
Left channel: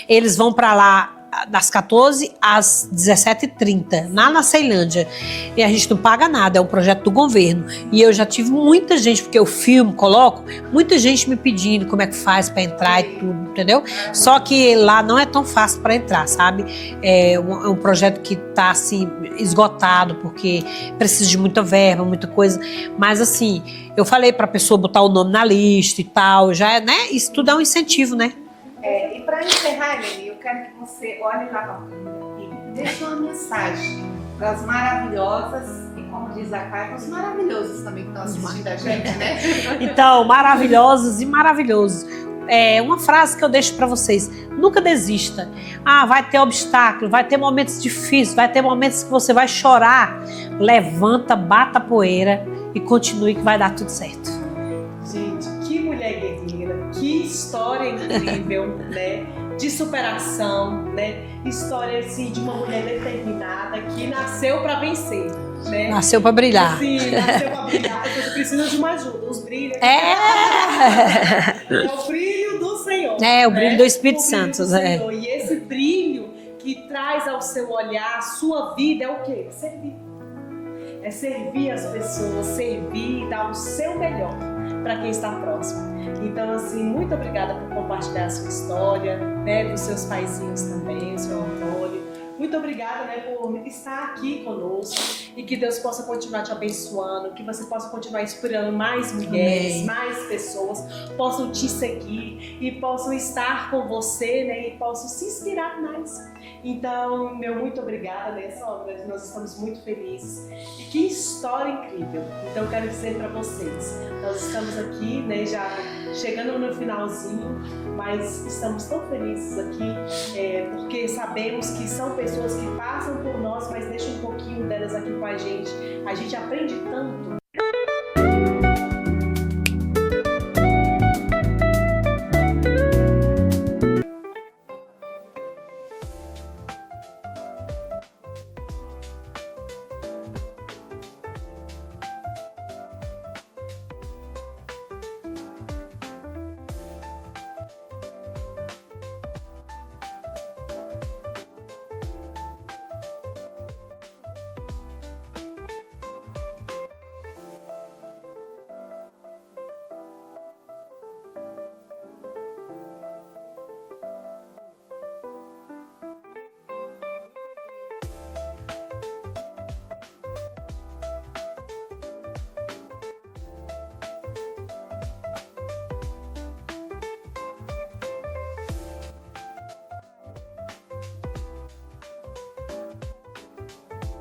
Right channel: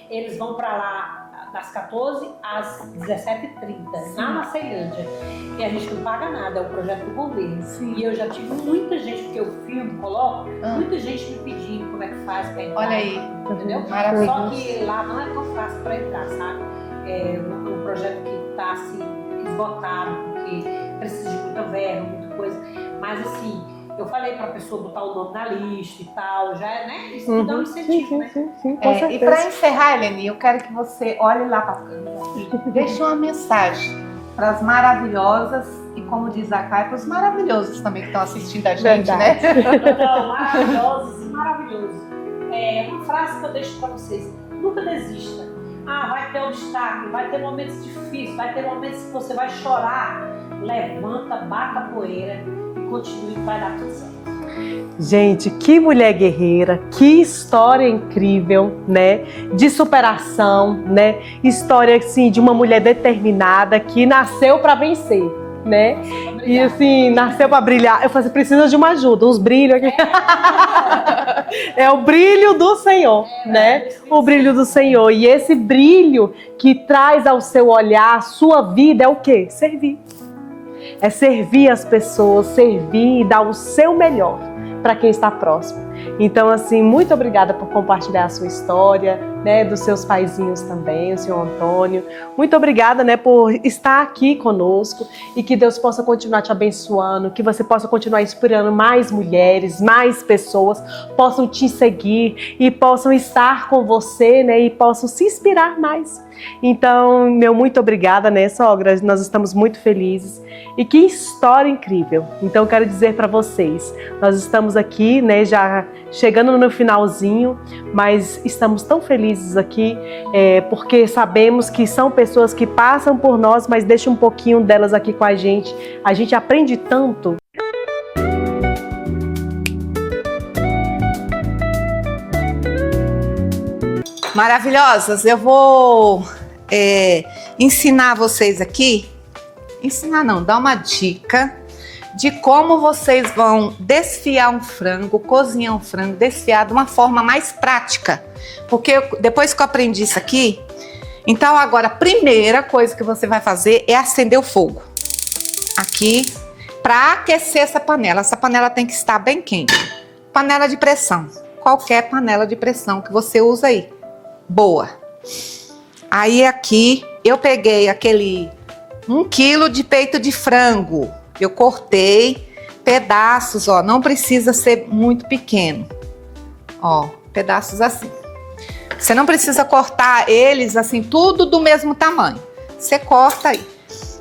Eles vão para lá das 14 às 17h30, lá na Ceilândia. E a gente não paga nada, é um projeto do governo. E eu já tive muita gente, porque eu filmo, coloco, muita gente me pedindo como é que faz para entrar e tudo, entendeu? Só que lá não é tão fácil para entrar, sabe? É um projeto que tá assim esgotado, porque precisa de muita verba, muita coisa. Mas assim, eu falei pra pessoa botar o nome na lista e tal, já, né? Isso tudo é um incentivo, né? Sim, E para encerrar, Eleni, eu quero que você olhe lá para a câmera e deixe uma mensagem para as maravilhosas e, como diz a Caia, para os maravilhosos também que estão assistindo a gente, né? Então, maravilhosos e maravilhosos. Uma frase que eu deixo para vocês: nunca desista. Vai ter obstáculo, vai ter momentos difíceis, vai ter momentos que você vai chorar. Levanta, bata a poeira e continue, que vai dar tudo certo. Gente, que mulher guerreira, que história incrível, né? De superação, né? História, assim, de uma mulher determinada que nasceu para vencer, né? Nasceu para brilhar. E, assim, nasceu para brilhar. Eu falei: precisa de uma ajuda, uns brilhos aqui. É o brilho do Senhor. O brilho do Espírito Santo. O brilho do Senhor. E esse brilho que traz ao seu olhar, a sua vida, é o quê? Servir. É servir as pessoas, servir e dar o seu melhor para quem está próximo. Então, assim, muito obrigada por compartilhar a sua história, né, dos seus paizinhos também, o senhor Antônio. Muito obrigada, né, por estar aqui conosco e que Deus possa continuar te abençoando, que você possa continuar inspirando mais mulheres, mais pessoas possam te seguir e possam estar com você, né, e possam se inspirar mais. Então, muito obrigada, né, sogra? Nós estamos muito felizes. E que história incrível. Então, eu quero dizer para vocês, nós estamos aqui, né, já chegando no finalzinho, mas estamos tão felizes aqui, porque sabemos que são pessoas que passam por nós, mas deixam um pouquinho delas aqui com a gente. A gente aprende tanto. Maravilhosas, eu vou ensinar vocês aqui. Ensinar não, dar uma dica de como vocês vão desfiar um frango, cozinhar um frango, desfiar de uma forma mais prática. Porque depois que eu aprendi isso aqui, então agora a primeira coisa que você vai fazer é acender o fogo. Aqui, para aquecer essa panela. Essa panela tem que estar bem quente. Panela de pressão, qualquer panela de pressão que você usa aí. Boa. Aí aqui eu peguei aquele 1 quilo de peito de frango. Eu cortei pedaços, ó, não precisa ser muito pequeno. Ó, pedaços assim. Você não precisa cortar eles assim, tudo do mesmo tamanho. Você corta aí.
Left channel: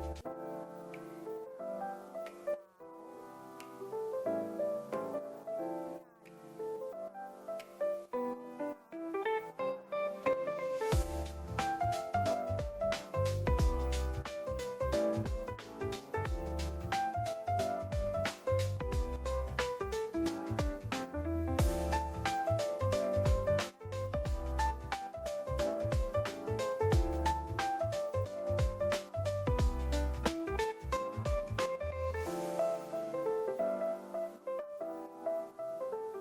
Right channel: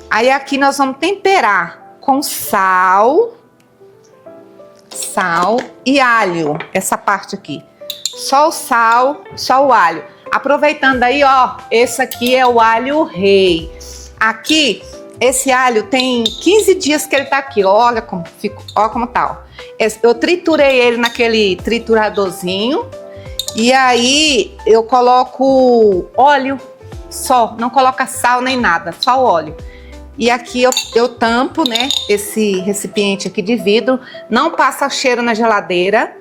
Aí aqui nós vamos temperar com sal e alho, essa parte aqui. Só o sal, só o alho. Aproveitando aí, ó, esse aqui é o alho rei. Aqui, esse alho tem 15 dias que ele tá aqui, olha como ficou, olha como tá, ó. Eu triturei ele naquele trituradorzinho e aí eu coloco óleo só, não coloca sal nem nada, só o óleo. E aqui eu tampo, né, esse recipiente aqui de vidro, não passa cheiro na geladeira.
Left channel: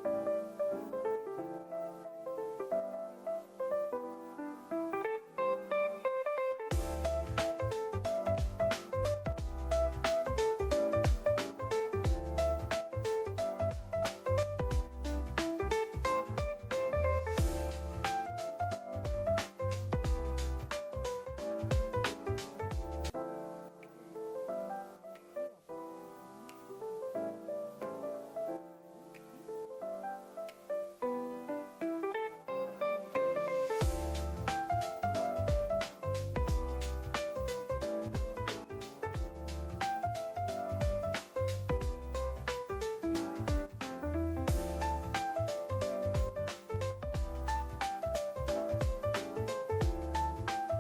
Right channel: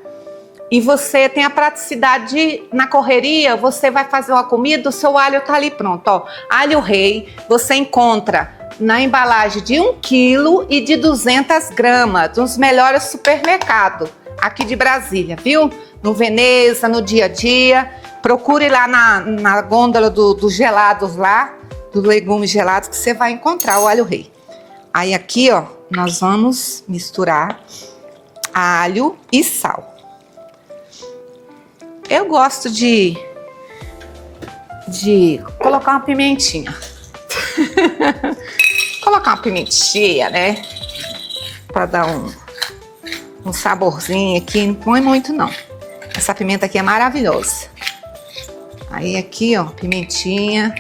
E você tem a praticidade de, na correria, você vai fazer uma comida, o seu alho tá ali pronto, ó. Alho rei, você encontra na embalagem de 1 quilo e de 200 gramas, dos melhores supermercados aqui de Brasília, viu? No Veneza, no Dia a Dia. Procure lá na gôndola dos gelados lá, dos legumes gelados, que você vai encontrar o alho rei. Aí aqui, ó, nós vamos misturar alho e sal. Eu gosto de colocar uma pimentinha. Colocar uma pimentinha, né? Para dar um saborzinho aqui. Não põe muito, não. Essa pimenta aqui é maravilhosa. Aí aqui, ó, pimentinha.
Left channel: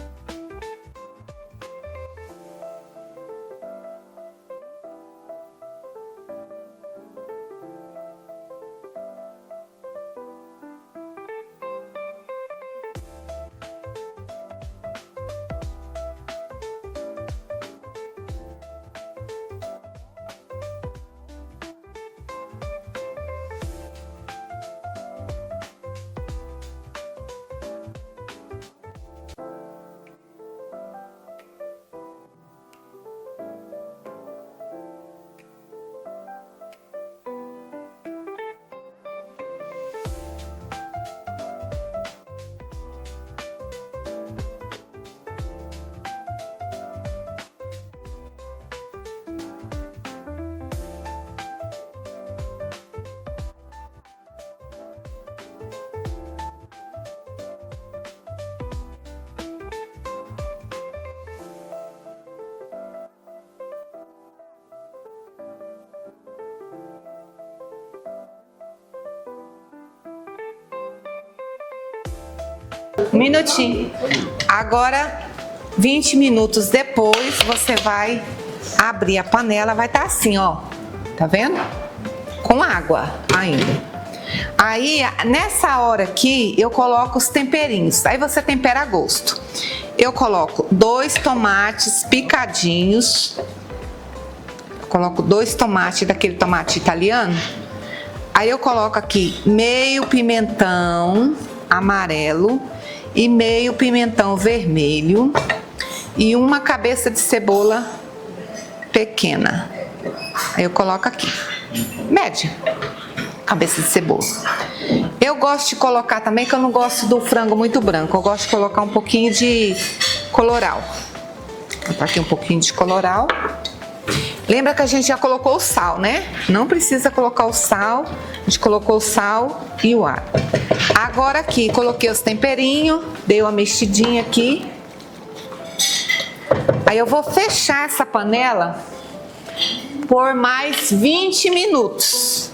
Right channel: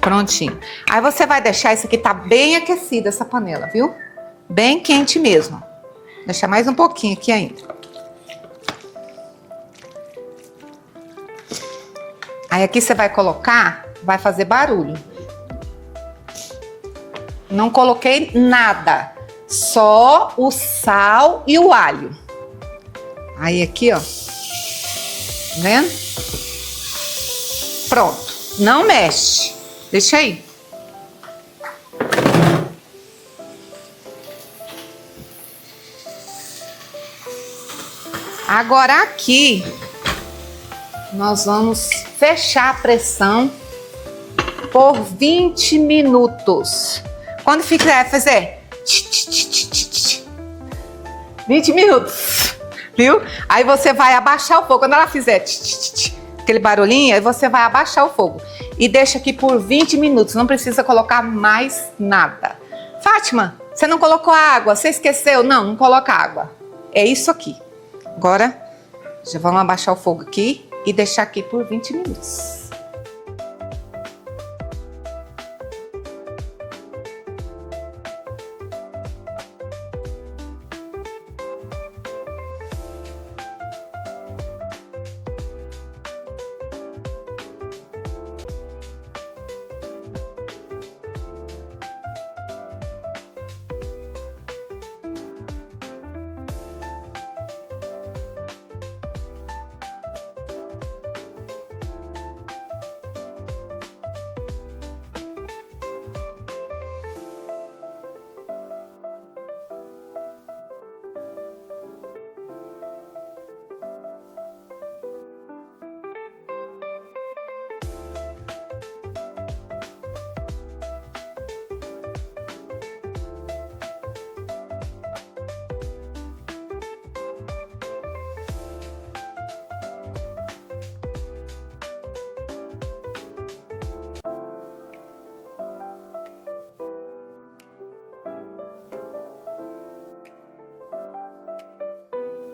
Prontinho. Aí você vai deixar isso aqui, tá bem aquecida essa panela, viu? Bem quente mesmo. Deixar mais um pouquinho aqui ainda. Aí aqui você vai colocar, vai fazer barulho. Não coloquei nada, só o sal e o alho. Aí aqui, ó, tá vendo? Pronto, não mexe, deixa aí. Agora aqui, nós vamos fechar a pressão por 20 minutos. Quando fizer, fazer 20 minutos, viu? Aí você vai abaixar o fogo. Quando ela fizer aquele barulhinho, aí você vai abaixar o fogo. E deixa aqui por 20 minutos, não precisa colocar mais nada. Fátima, você não colocou água, você esqueceu? Não, não coloca água. É isso aqui. Agora, já vamos abaixar o fogo aqui e deixar aqui por 20 minutos. Um minutinho. Agora, 20 minutos depois, você vai abrir a panela, vai estar assim, ó. Tá vendo? Com água ainda. Aí, nessa hora aqui, eu coloco os temperinhos. Aí você tempera a gosto. Eu coloco 2 tomates picadinhos. Coloco 2 tomates, daquele tomate italiano. Aí eu coloco aqui meio pimentão amarelo e meio pimentão vermelho e uma cabeça de cebola pequena. Aí eu coloco aqui, média, cabeça de cebola. Eu gosto de colocar também, que eu não gosto do frango muito branco, eu gosto de colocar um pouquinho de coloral. Vou botar aqui um pouquinho de coloral. Lembra que a gente já colocou o sal, né? Não precisa colocar o sal. A gente colocou o sal e o alho. Agora aqui, coloquei os temperinhos. Dei uma mexidinha aqui. Aí eu vou fechar essa panela por mais 20 minutos.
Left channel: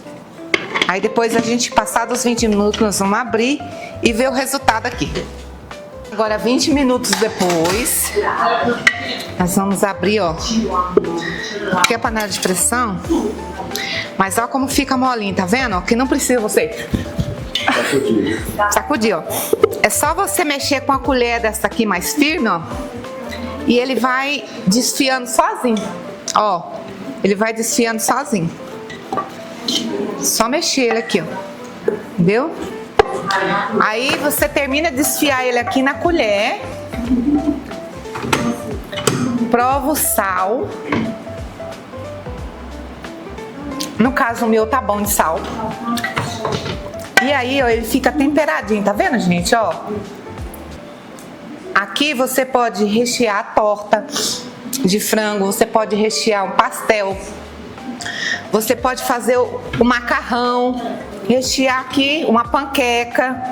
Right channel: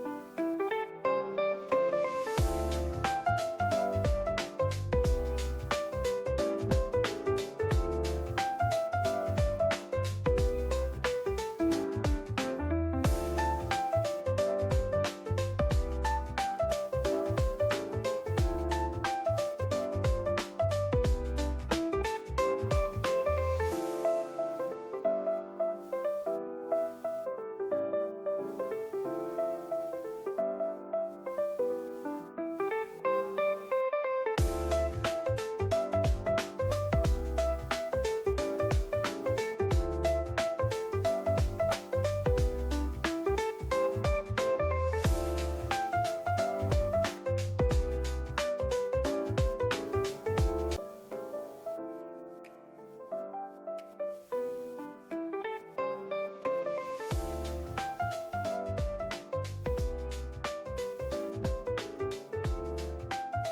Aí depois a gente, passados os 20 minutos, nós vamos abrir e ver o resultado aqui. Agora 20 minutos depois, nós vamos abrir, ó. Aqui é a panela de pressão, mas olha como fica molinho, tá vendo? Que não precisa você sacudir, ó. É só você mexer com a colher dessa aqui mais firme, ó, e ele vai desfiando sozinho, ó. Ele vai desfiando sozinho. Só mexer ele aqui, ó. Entendeu? Aí você termina de desfiar ele aqui na colher. Prova o sal. No caso o meu tá bom de sal. E aí, ó, ele fica temperadinho, tá vendo, gente, ó? Aqui você pode rechear a torta de frango, você pode rechear um pastel. Você pode fazer o macarrão, rechear aqui uma panqueca,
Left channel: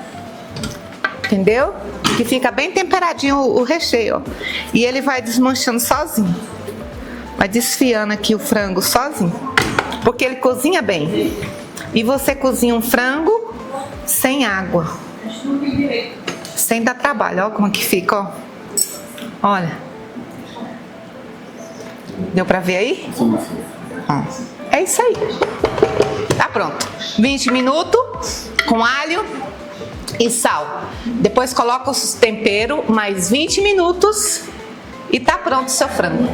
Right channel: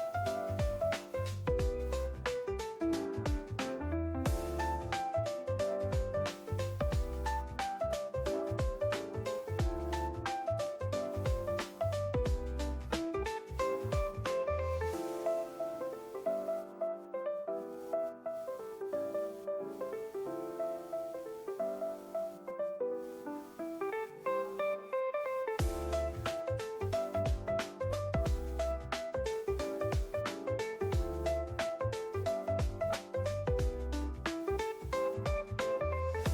entendeu? que fica bem temperadinho o recheio, ó. E ele vai desmanchando sozinho. Vai desfiando aqui o frango sozinho, porque ele cozinha bem. E você cozinha um frango sem água, sem dar trabalho. Olha como que fica, ó. Olha. Deu pra ver aí? Ó. É isso aí. Tá pronto. 20 minutos com alho e sal. Depois coloca os temperos, mais 20 minutos e tá pronto o seu frango.